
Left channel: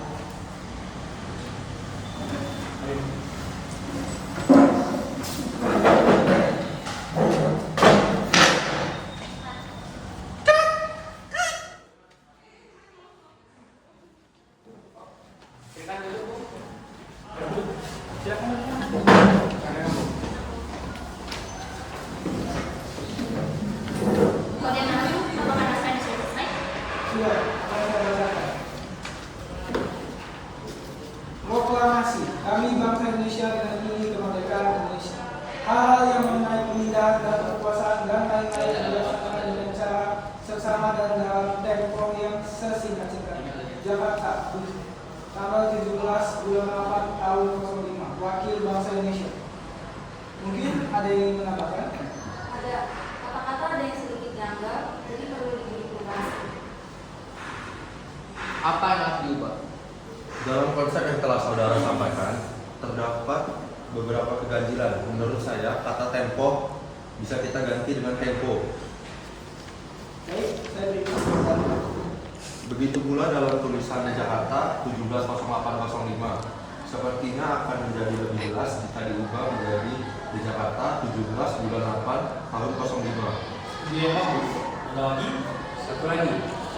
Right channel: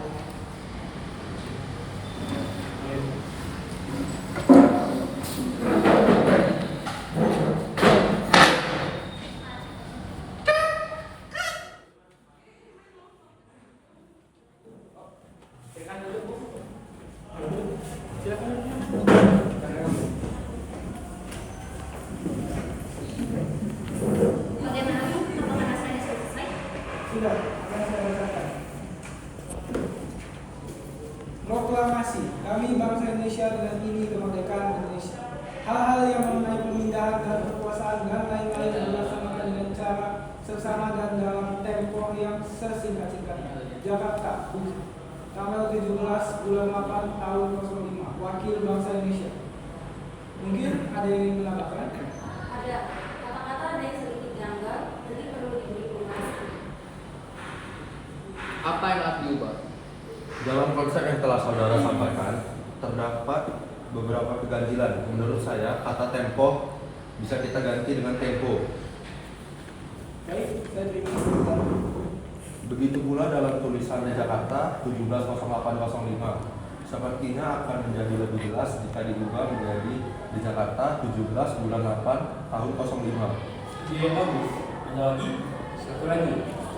Bagaimana apakah naskah sudah selesai? Sudah, kami sudah bacakan. Proklamasi, kami bangsa Indonesia dengan ini kemerdekaan Indonesia. hal-hal yang mengenai pemindahan dan kekuasaan dan lain-lain dilaksanakan dengan cara seksama dan dalam tempo yang sesingkat-singkatnya. Jakarta, tanggal 17 bulan 8 tahun 05, Wakil Bangsa Indonesia. Mungkin ada yang menambahkan? Ada kata-kata ada yang sedikit janggal, jadi perlu diklarifikasi. Apa yang harus diubah? Dalam konsep yang telah saudara sampaikan, terdapat beberapa keganjilan. Menurut saya, kata tempo bisa kita ganti dengan tempo. Baik, saya beri kesempatan. Begitu pula dalam tulisannya Jakarta 170805. Sepertinya akan menjadi lebih jelas jika diubah menjadi di Jakarta 17 bulan 8 tahun 05. Iya bagus. Ada lagi? Satu lagi.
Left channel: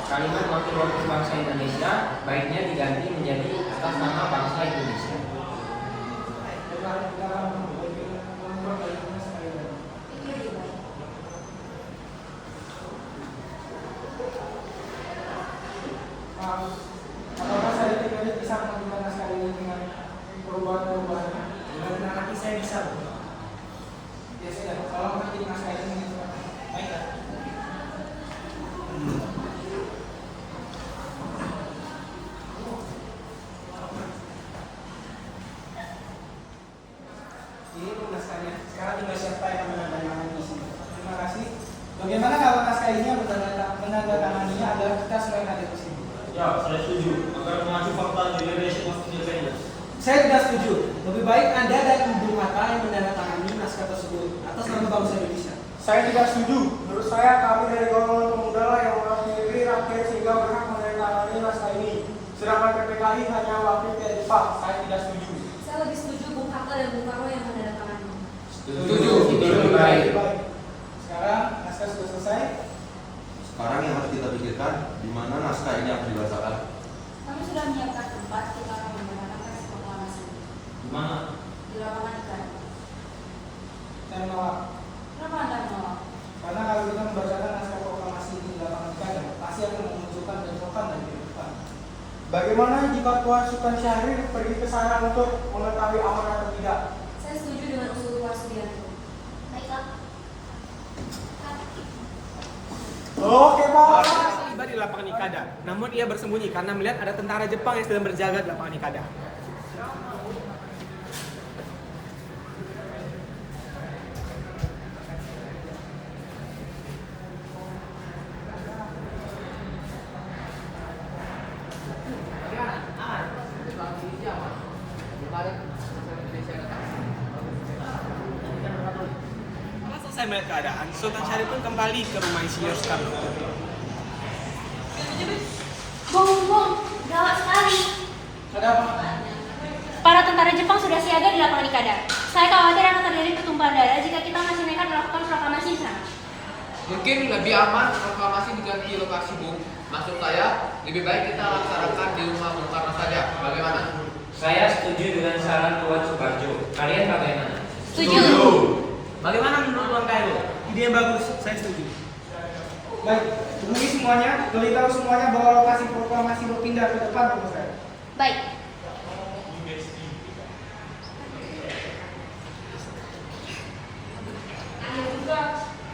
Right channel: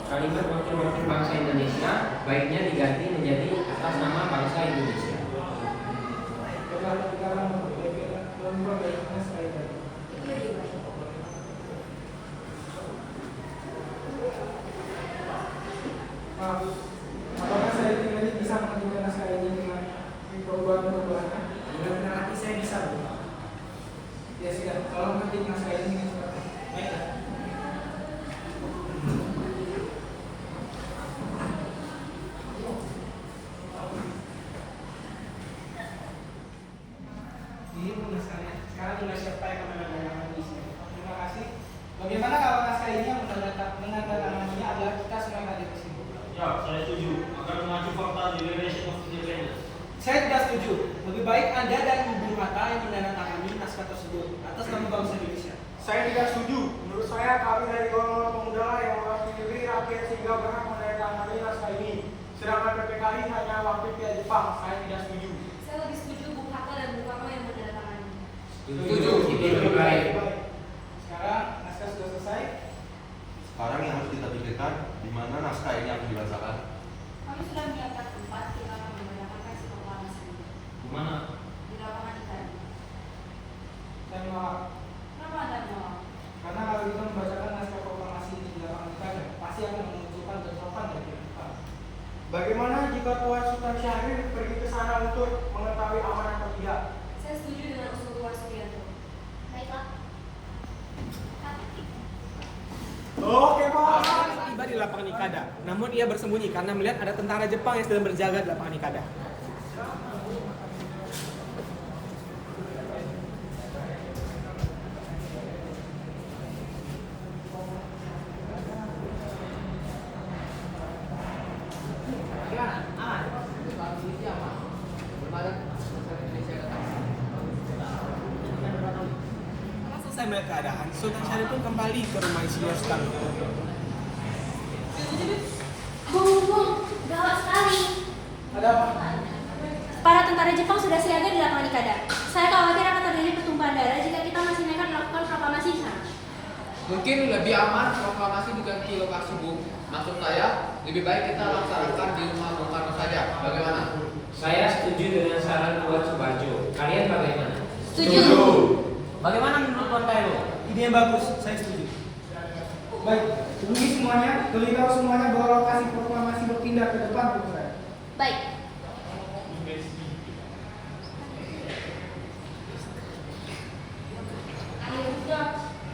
Kalimat wakil-wakil bangsa Indonesia baiknya diganti menjadi atas nama bangsa Indonesia. Apakah saya tadi bisa mengajukan naskah ini dengan perubahan-perubahannya? Dengan hati saya bisa, Bu. Ya sudah, kalau nanti naskah ini baiklah. Ini naskahnya. Sekarang tinggal siapa yang akan menandatangani di sini. Terima kasih. Bagaimana kalau naskah ini yang menandatanganinya adalah kita semua yang ada di sini? Ya, saya setuju. Agar mengacu fakta dari relation of independence. Saya tidak setuju. Lebih baik Anda dan Ibu Hatta yang menandatangani naskah tersebut atas nama bangsa Indonesia. Saya tidak setuju. Menurut saya kami dari golongan pemuda lah yang mewakili rakyat sehingga berhak menandatangani naskah ini. Sedangkan PPKI hanya wakil pihak Jepang. Saya tidak setuju. Saya lebih setuju Bung Hatta dan Bung Karno yang menandatangani. Setuju. Lebih baik. Sekarang naskah sudah selesai. Sekarang yang harus kita pikirkan, di mana naskah ini akan dibacakan. Kami sudah menyiapkan tempat kita akan menggunakan teks proklamasi Di mana? di lapangan ikan. Saya menolak. Kenapa Anda menolak? Karena kalau kita membacakan naskah proklamasi ini di lapangan ikan, pasti akan memunculkan bentrokan dan kehidupan. Bagaimana jika Tuan Sultan Syahrir pergi ke sana untuk mengetahui aman atau tidak? Saya setuju dengan usul Tuan Sugianto. Baiklah. Oke, Pak. Tiba di lapangan Ikada, namun ia bersembunyi karena melihat ada tentara Jepang yang sedang berjaga di lapangan Ikada. Bagaimana? Aman? Soal polisi aman? Belum ada masyarakat Indonesia yang datang. Setelah selesai melihat keadaan, Sultan Syarif pun kembali ke rumah Insinyur Soekarno. Bung, gawat sekali. Ada apa? Para tentara Jepang sudah siaga di lapangan Ikada. Saya khawatir akan terjadi pertumpahan darah jika kita masih nekat melakukan proklamasi di sana. Mungkin lebih aman proklamasi diganti lokasi, Bung. Maksud saya, lebih baik kita laksanakan di rumah Bung Karno saja. Bagaimana? Saya setuju dengan saran Tuan Subarjo. Kalian bagaimana? Setuju. Bagaimana menurut Tuan Kairo? Ide yang bagus, saya setuju. Baik, hubungi semuanya, beritahu semuanya bahwa lokasi proklamasi berpindah ke depan rumah saya. Baik. Ayo juga.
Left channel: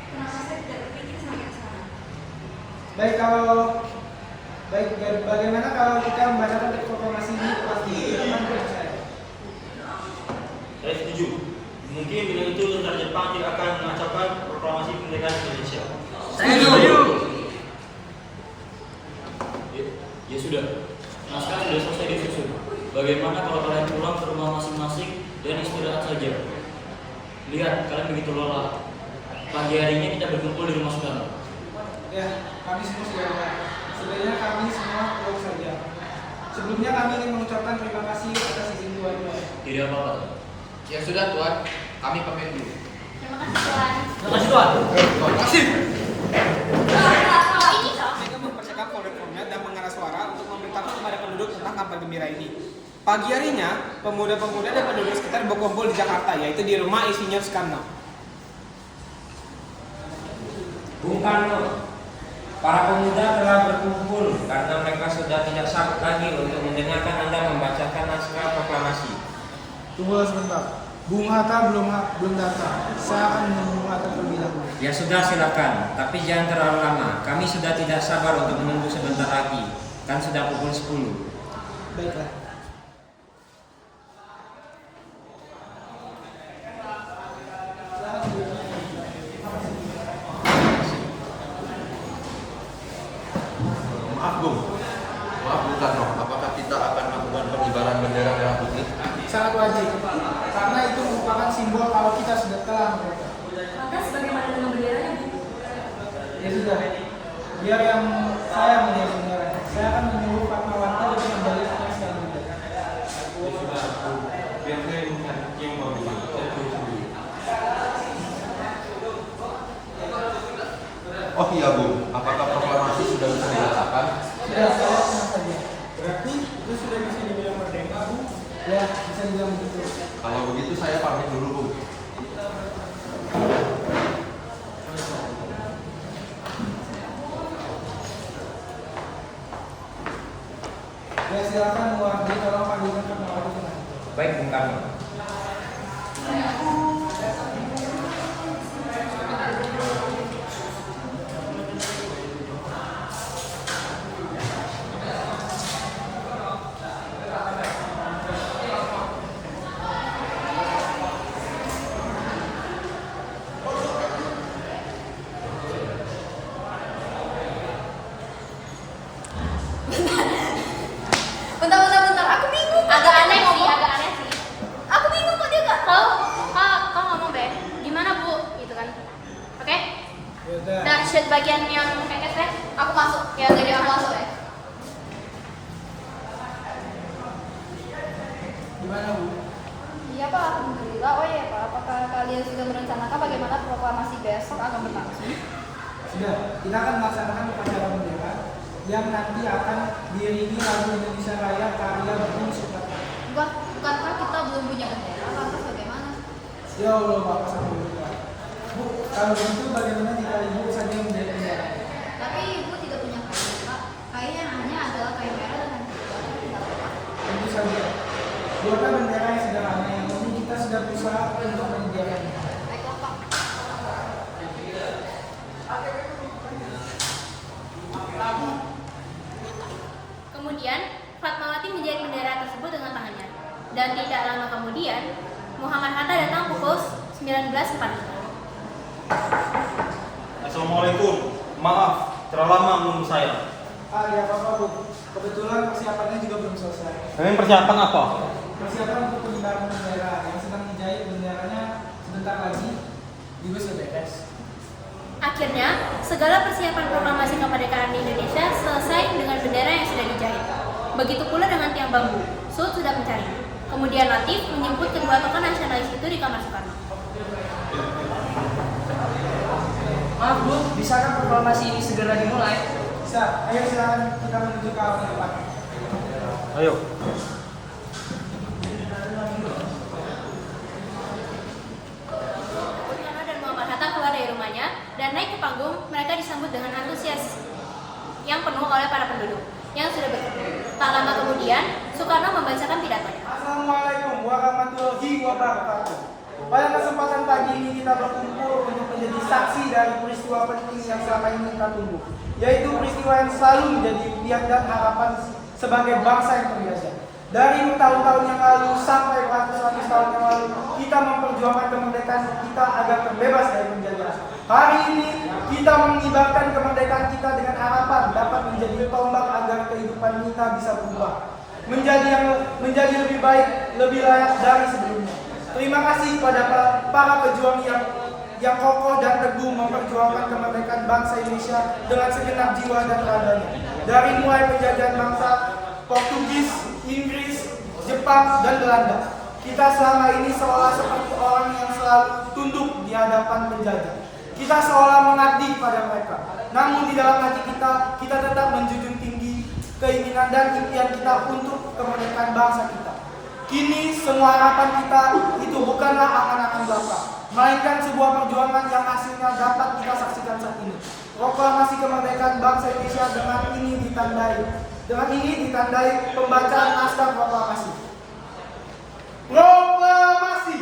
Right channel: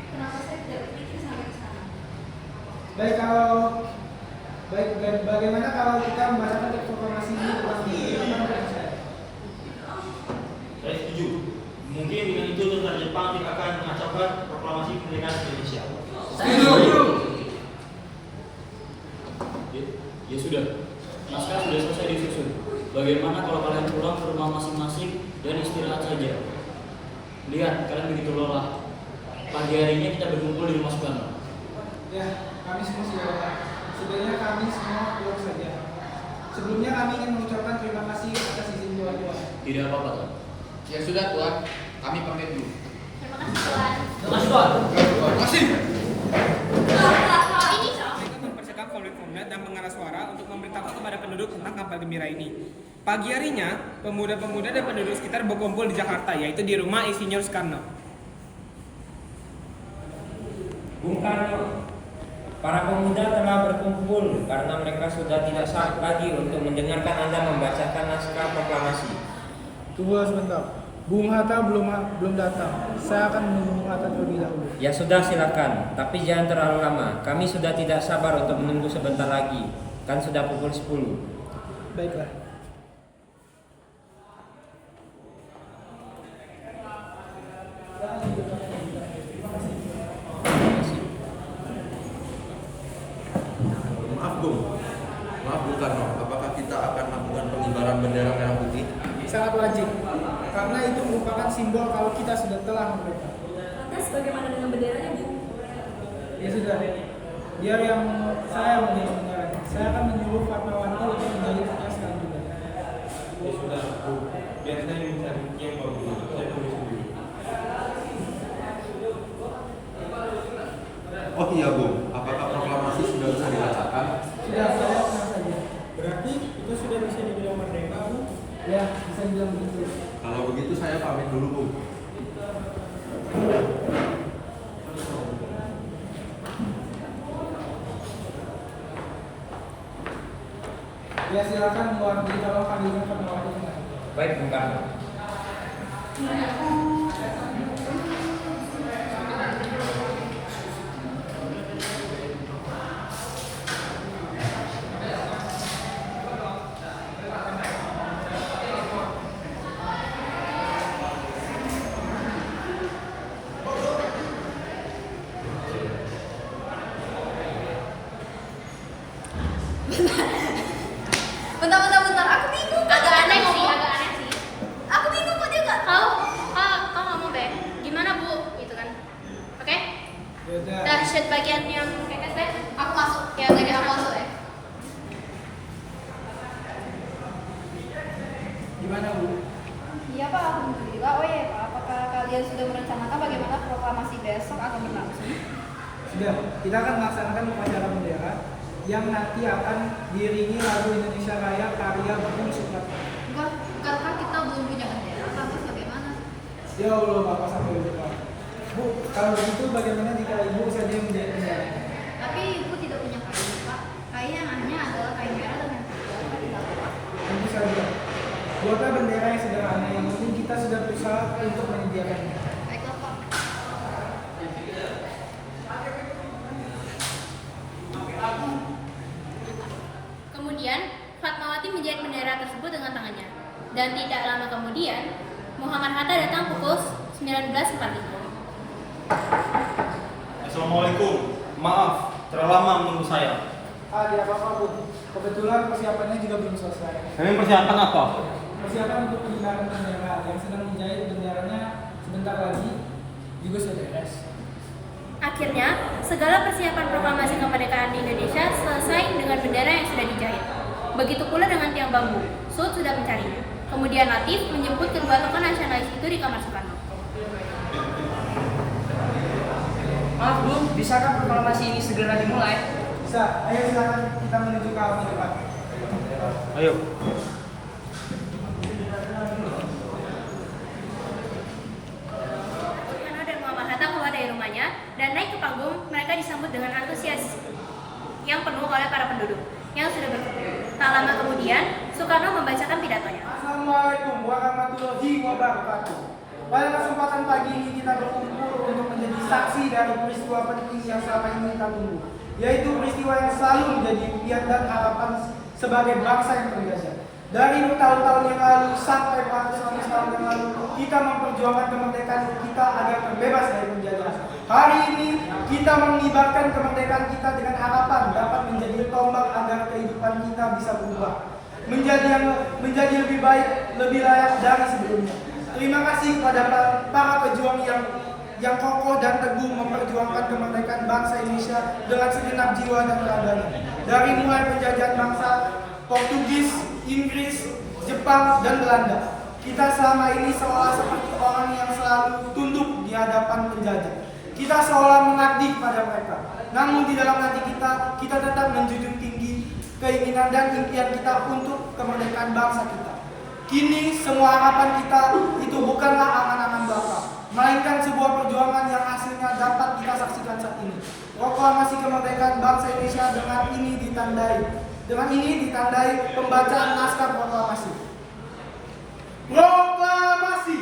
Kenapa saya tidak berpikir sampai ke sana? Bagaimana kalau kita membacakan teks proklamasi ini di depan rumah saya? Saya setuju. Mungkin dengan itu tentara Jepang tidak akan mengacaukan proklamasi kemerdekaan Indonesia. Saya setuju. Ya sudah, naskah sudah selesai disusun. Bagaimana kalau kalian pulang ke rumah masing-masing dan istirahat saja? Lihat, kalian begitu lelah. Pagi harinya kita berkumpul di rumah Soekarno. Ya, kami semua sudah datang. Sebenarnya kami semua pulang saja. Sebelumnya kami ingin mengucapkan terima kasih atas izin Tuan. Tidak apa-apa, Tuan. Ya sudah, Tuan. Kami pamit dulu. Terima kasih, Tuan. Terima kasih, Tuan. Terima kasih. Mereka mempercakap formulir dan mengarah suara untuk memberitahu kepada penduduk tentang kabar gembira ini. Pagi harinya, pemuda-pemuda dan penduduk sekitar berkumpul di Jakarta, yaitu di rumah Insinyur Soekarno. Bung Karno, para pemuda telah berkumpul karena mereka sudah tidak sabar lagi untuk mendengarkan Anda membacakan naskah proklamasi. Tunggulah sebentar. Bung Hatta belum datang. Saya akan menunggu Bung Hatta terlebih dahulu. Ya sudah, silakan. Tapi jangan terlalu lama. Kami sudah tidak sabar untuk menunggu sebentar lagi. Kan sudah pukul 10. Baiklah. Maaf Bung, Karno, apakah kita akan melakukan pengibaran bendera merah putih? Sangat wajib. Karena itu merupakan simbol kalau kita sudah telah merdeka. Lantas bagaimana dengan benderanya, Bu? Ya sudah. Biar saya melihat benderanya. Saya akan menyuruh Fatmawati untuk menjadi sekretaris bendera. Ya sudah, Bu. Biar saya mencari yang bagus. Oh iya Bung, apakah proklamasi sudah bisa dibacakan? Sudah, saya tenang saja. Berarti itu sudah bisa dibilang merdeka, Bu? Ya, bisa dibilang begitu. Kalau begitu saya pamit dulu Bung. Ya silakan mewakili, tolong panggilkan Fatmawati kembali. Baik, Bung Karno. Bentar, aku bingung. Agak aneh sih, agak aneh sih. Aku bingung kok dia nggak tahu. Kau ngomong be, gimana Bu? Gitu kan. Oke? Yaudah. Dan sheet bagian yang kayak gitu. Aku masuk. Ya, Jadi aku masuk ya. Gimana Bu? Iya Pak, alhamdulillah. Oh iya Pak, apakah kalian sudah merencanakan bagaimana proklamasi besok akan berlangsung? Sudah, kita akan melaksanakan upacara bendera yang nanti akan diiringi lagu Indonesia Raya karya Bung Soekarno. Enggak, bukankah kita belum punya bendera? Lantas bagaimana? Ya Allah, Bapak sampai lupa. Bu, kalau begitu bagaimana jika Ibu saja yang menjadi bendera? Tapi ibu tidak punya kain Pak. Kain yang hanya adalah kain merah dan kain putih. Apakah tidak Pak? Tentu saja. Buatlah bendera yang sederhana yang penting kita sudah berusaha untuk menyediakannya. Baiklah Pak. Kemudian, Fatmawati menjahit bendera tersebut dengan tangannya. Dan tidak lama kemudian, Muhammad Hatta datang pukul 19.45. Assalamualaikum. Maaf, terlalu lama menunggu saya. Ya apa-apa Bu, kebetulan persiapannya juga belum selesai. Ini persiapan apa? Persiapan untuk pengibaran bendera yang sedang dijahit benderanya sebentar lagi juga sudah beres. Akhirnya, segala persiapan proklamasi kemerdekaan di Indonesia selesai dengan bendera yang sudah dijahit. Begitu pula dengan tiang bambu. Sud sudah mencarinya. Kemudian Latif menjemput kedua tokoh nasionalis itu di kamar Soekarno. Maaf Bu, bisakah proklamasi ini segera dimulai? Bisa, ayo silakan kita menuju ke halaman depan. Ayo. Soekarno dan Muhammad Hatta keluar dari rumahnya dan naik ke panggung. Mereka disambut dengan antusias yang penuh oleh para penduduk yang sudah berkumpul. Tak lama kemudian, Soekarno membacakan pidatonya. Assalamualaikum warahmatullahi wabarakatuh. Pada kesempatan pagi ini kita berkumpul untuk menjadi saksi dari peristiwa penting yang selama ini kita tunggu, yaitu peristiwa yang selalu menjadi impian dan harapan sebagai bangsa yang terjajah. Dari tahun-tahun yang lalu sampai beratus-ratus tahun yang lalu, kita memperjuangkan kemerdekaan kita agar terbebas dari penjajahan. Hari ini kita mengibarkan kemerdekaan kita dengan harapan dapat menjadi tombak agar kehidupan kita bisa berubah, menjadi lebih baik, lebih layak dari sebelumnya. Terima kasih pada para pejuang yang kokoh dan teguh memperjuangkan kemerdekaan bangsa Indonesia dengan segenap jiwa dan raganya. Dari mulai penjajahan bangsa Portugis, Inggris, Jepang, dan Belanda, kita selama ini seolah seperti orang yang selalu tunduk di hadapan penjajah. Kita seolah mengabdi pada mereka. Namun di dalam hati kita tetap menjunjung tinggi keinginan dan impian kita untuk kemerdekaan bangsa kita. Kini semua harapan kita itu bukanlah angan-angan belaka, melainkan sebuah perjuangan yang hasilnya dapat kita saksikan saat ini. Proklamasi kemerdekaan bangsa Indonesia dengan ini ditandai pembacaan naskah proklamasi. Proklamasi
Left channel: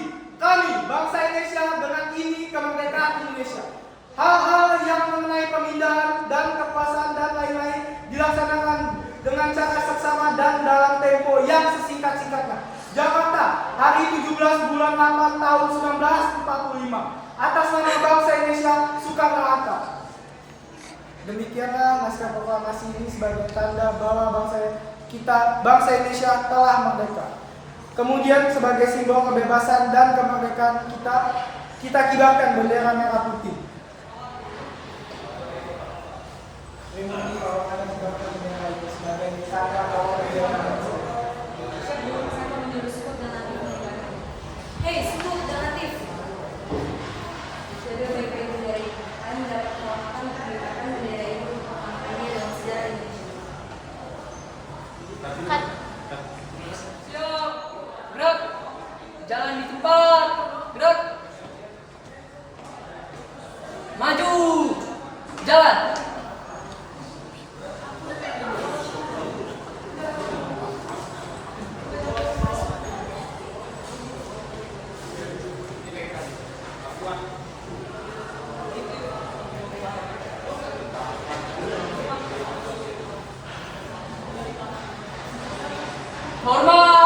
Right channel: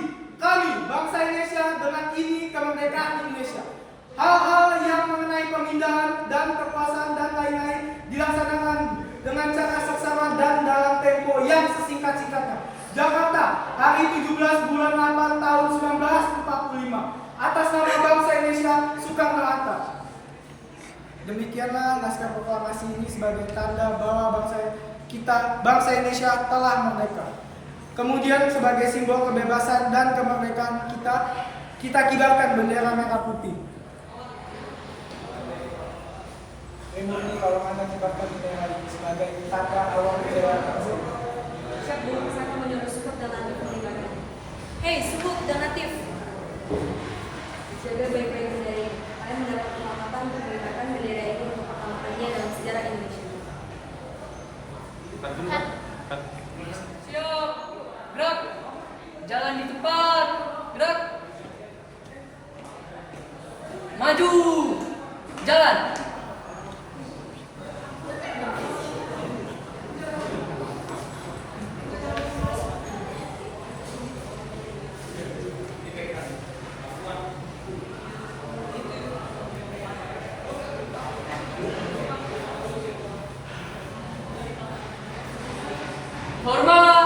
Hal-hal yang mengenai pemindahan dan kekuasaan dan lain-lain dilaksanakan dengan cara seksama dan dalam tempo yang sesingkat-singkatnya. Jakarta, hari 17 bulan 8 tahun 1945. Atas nama bangsa Indonesia, Soekarno-Hatta. Demikianlah naskah proklamasi ini sebagai tanda bahwa bangsa Indonesia telah merdeka. Kemudian sebagai simbol kebebasan dan kemerdekaan kita kibarkan bendera merah putih. Ini kalau anda kibarkan bendera itu sebagai tanda awal bendera bangsa. Siap Bu, saya akan menyuruh Sukut dan Latif mengibarkan. Hei Sukut dan Latif, jaga baik-baik bendera ini. Kalian mendapat kehormatan untuk mengibarkan bendera ini untuk kampanye dalam sejarah Indonesia. Siap. Gerak. Jangan di tempat. Gerak. Maju. Jalan. Hormat.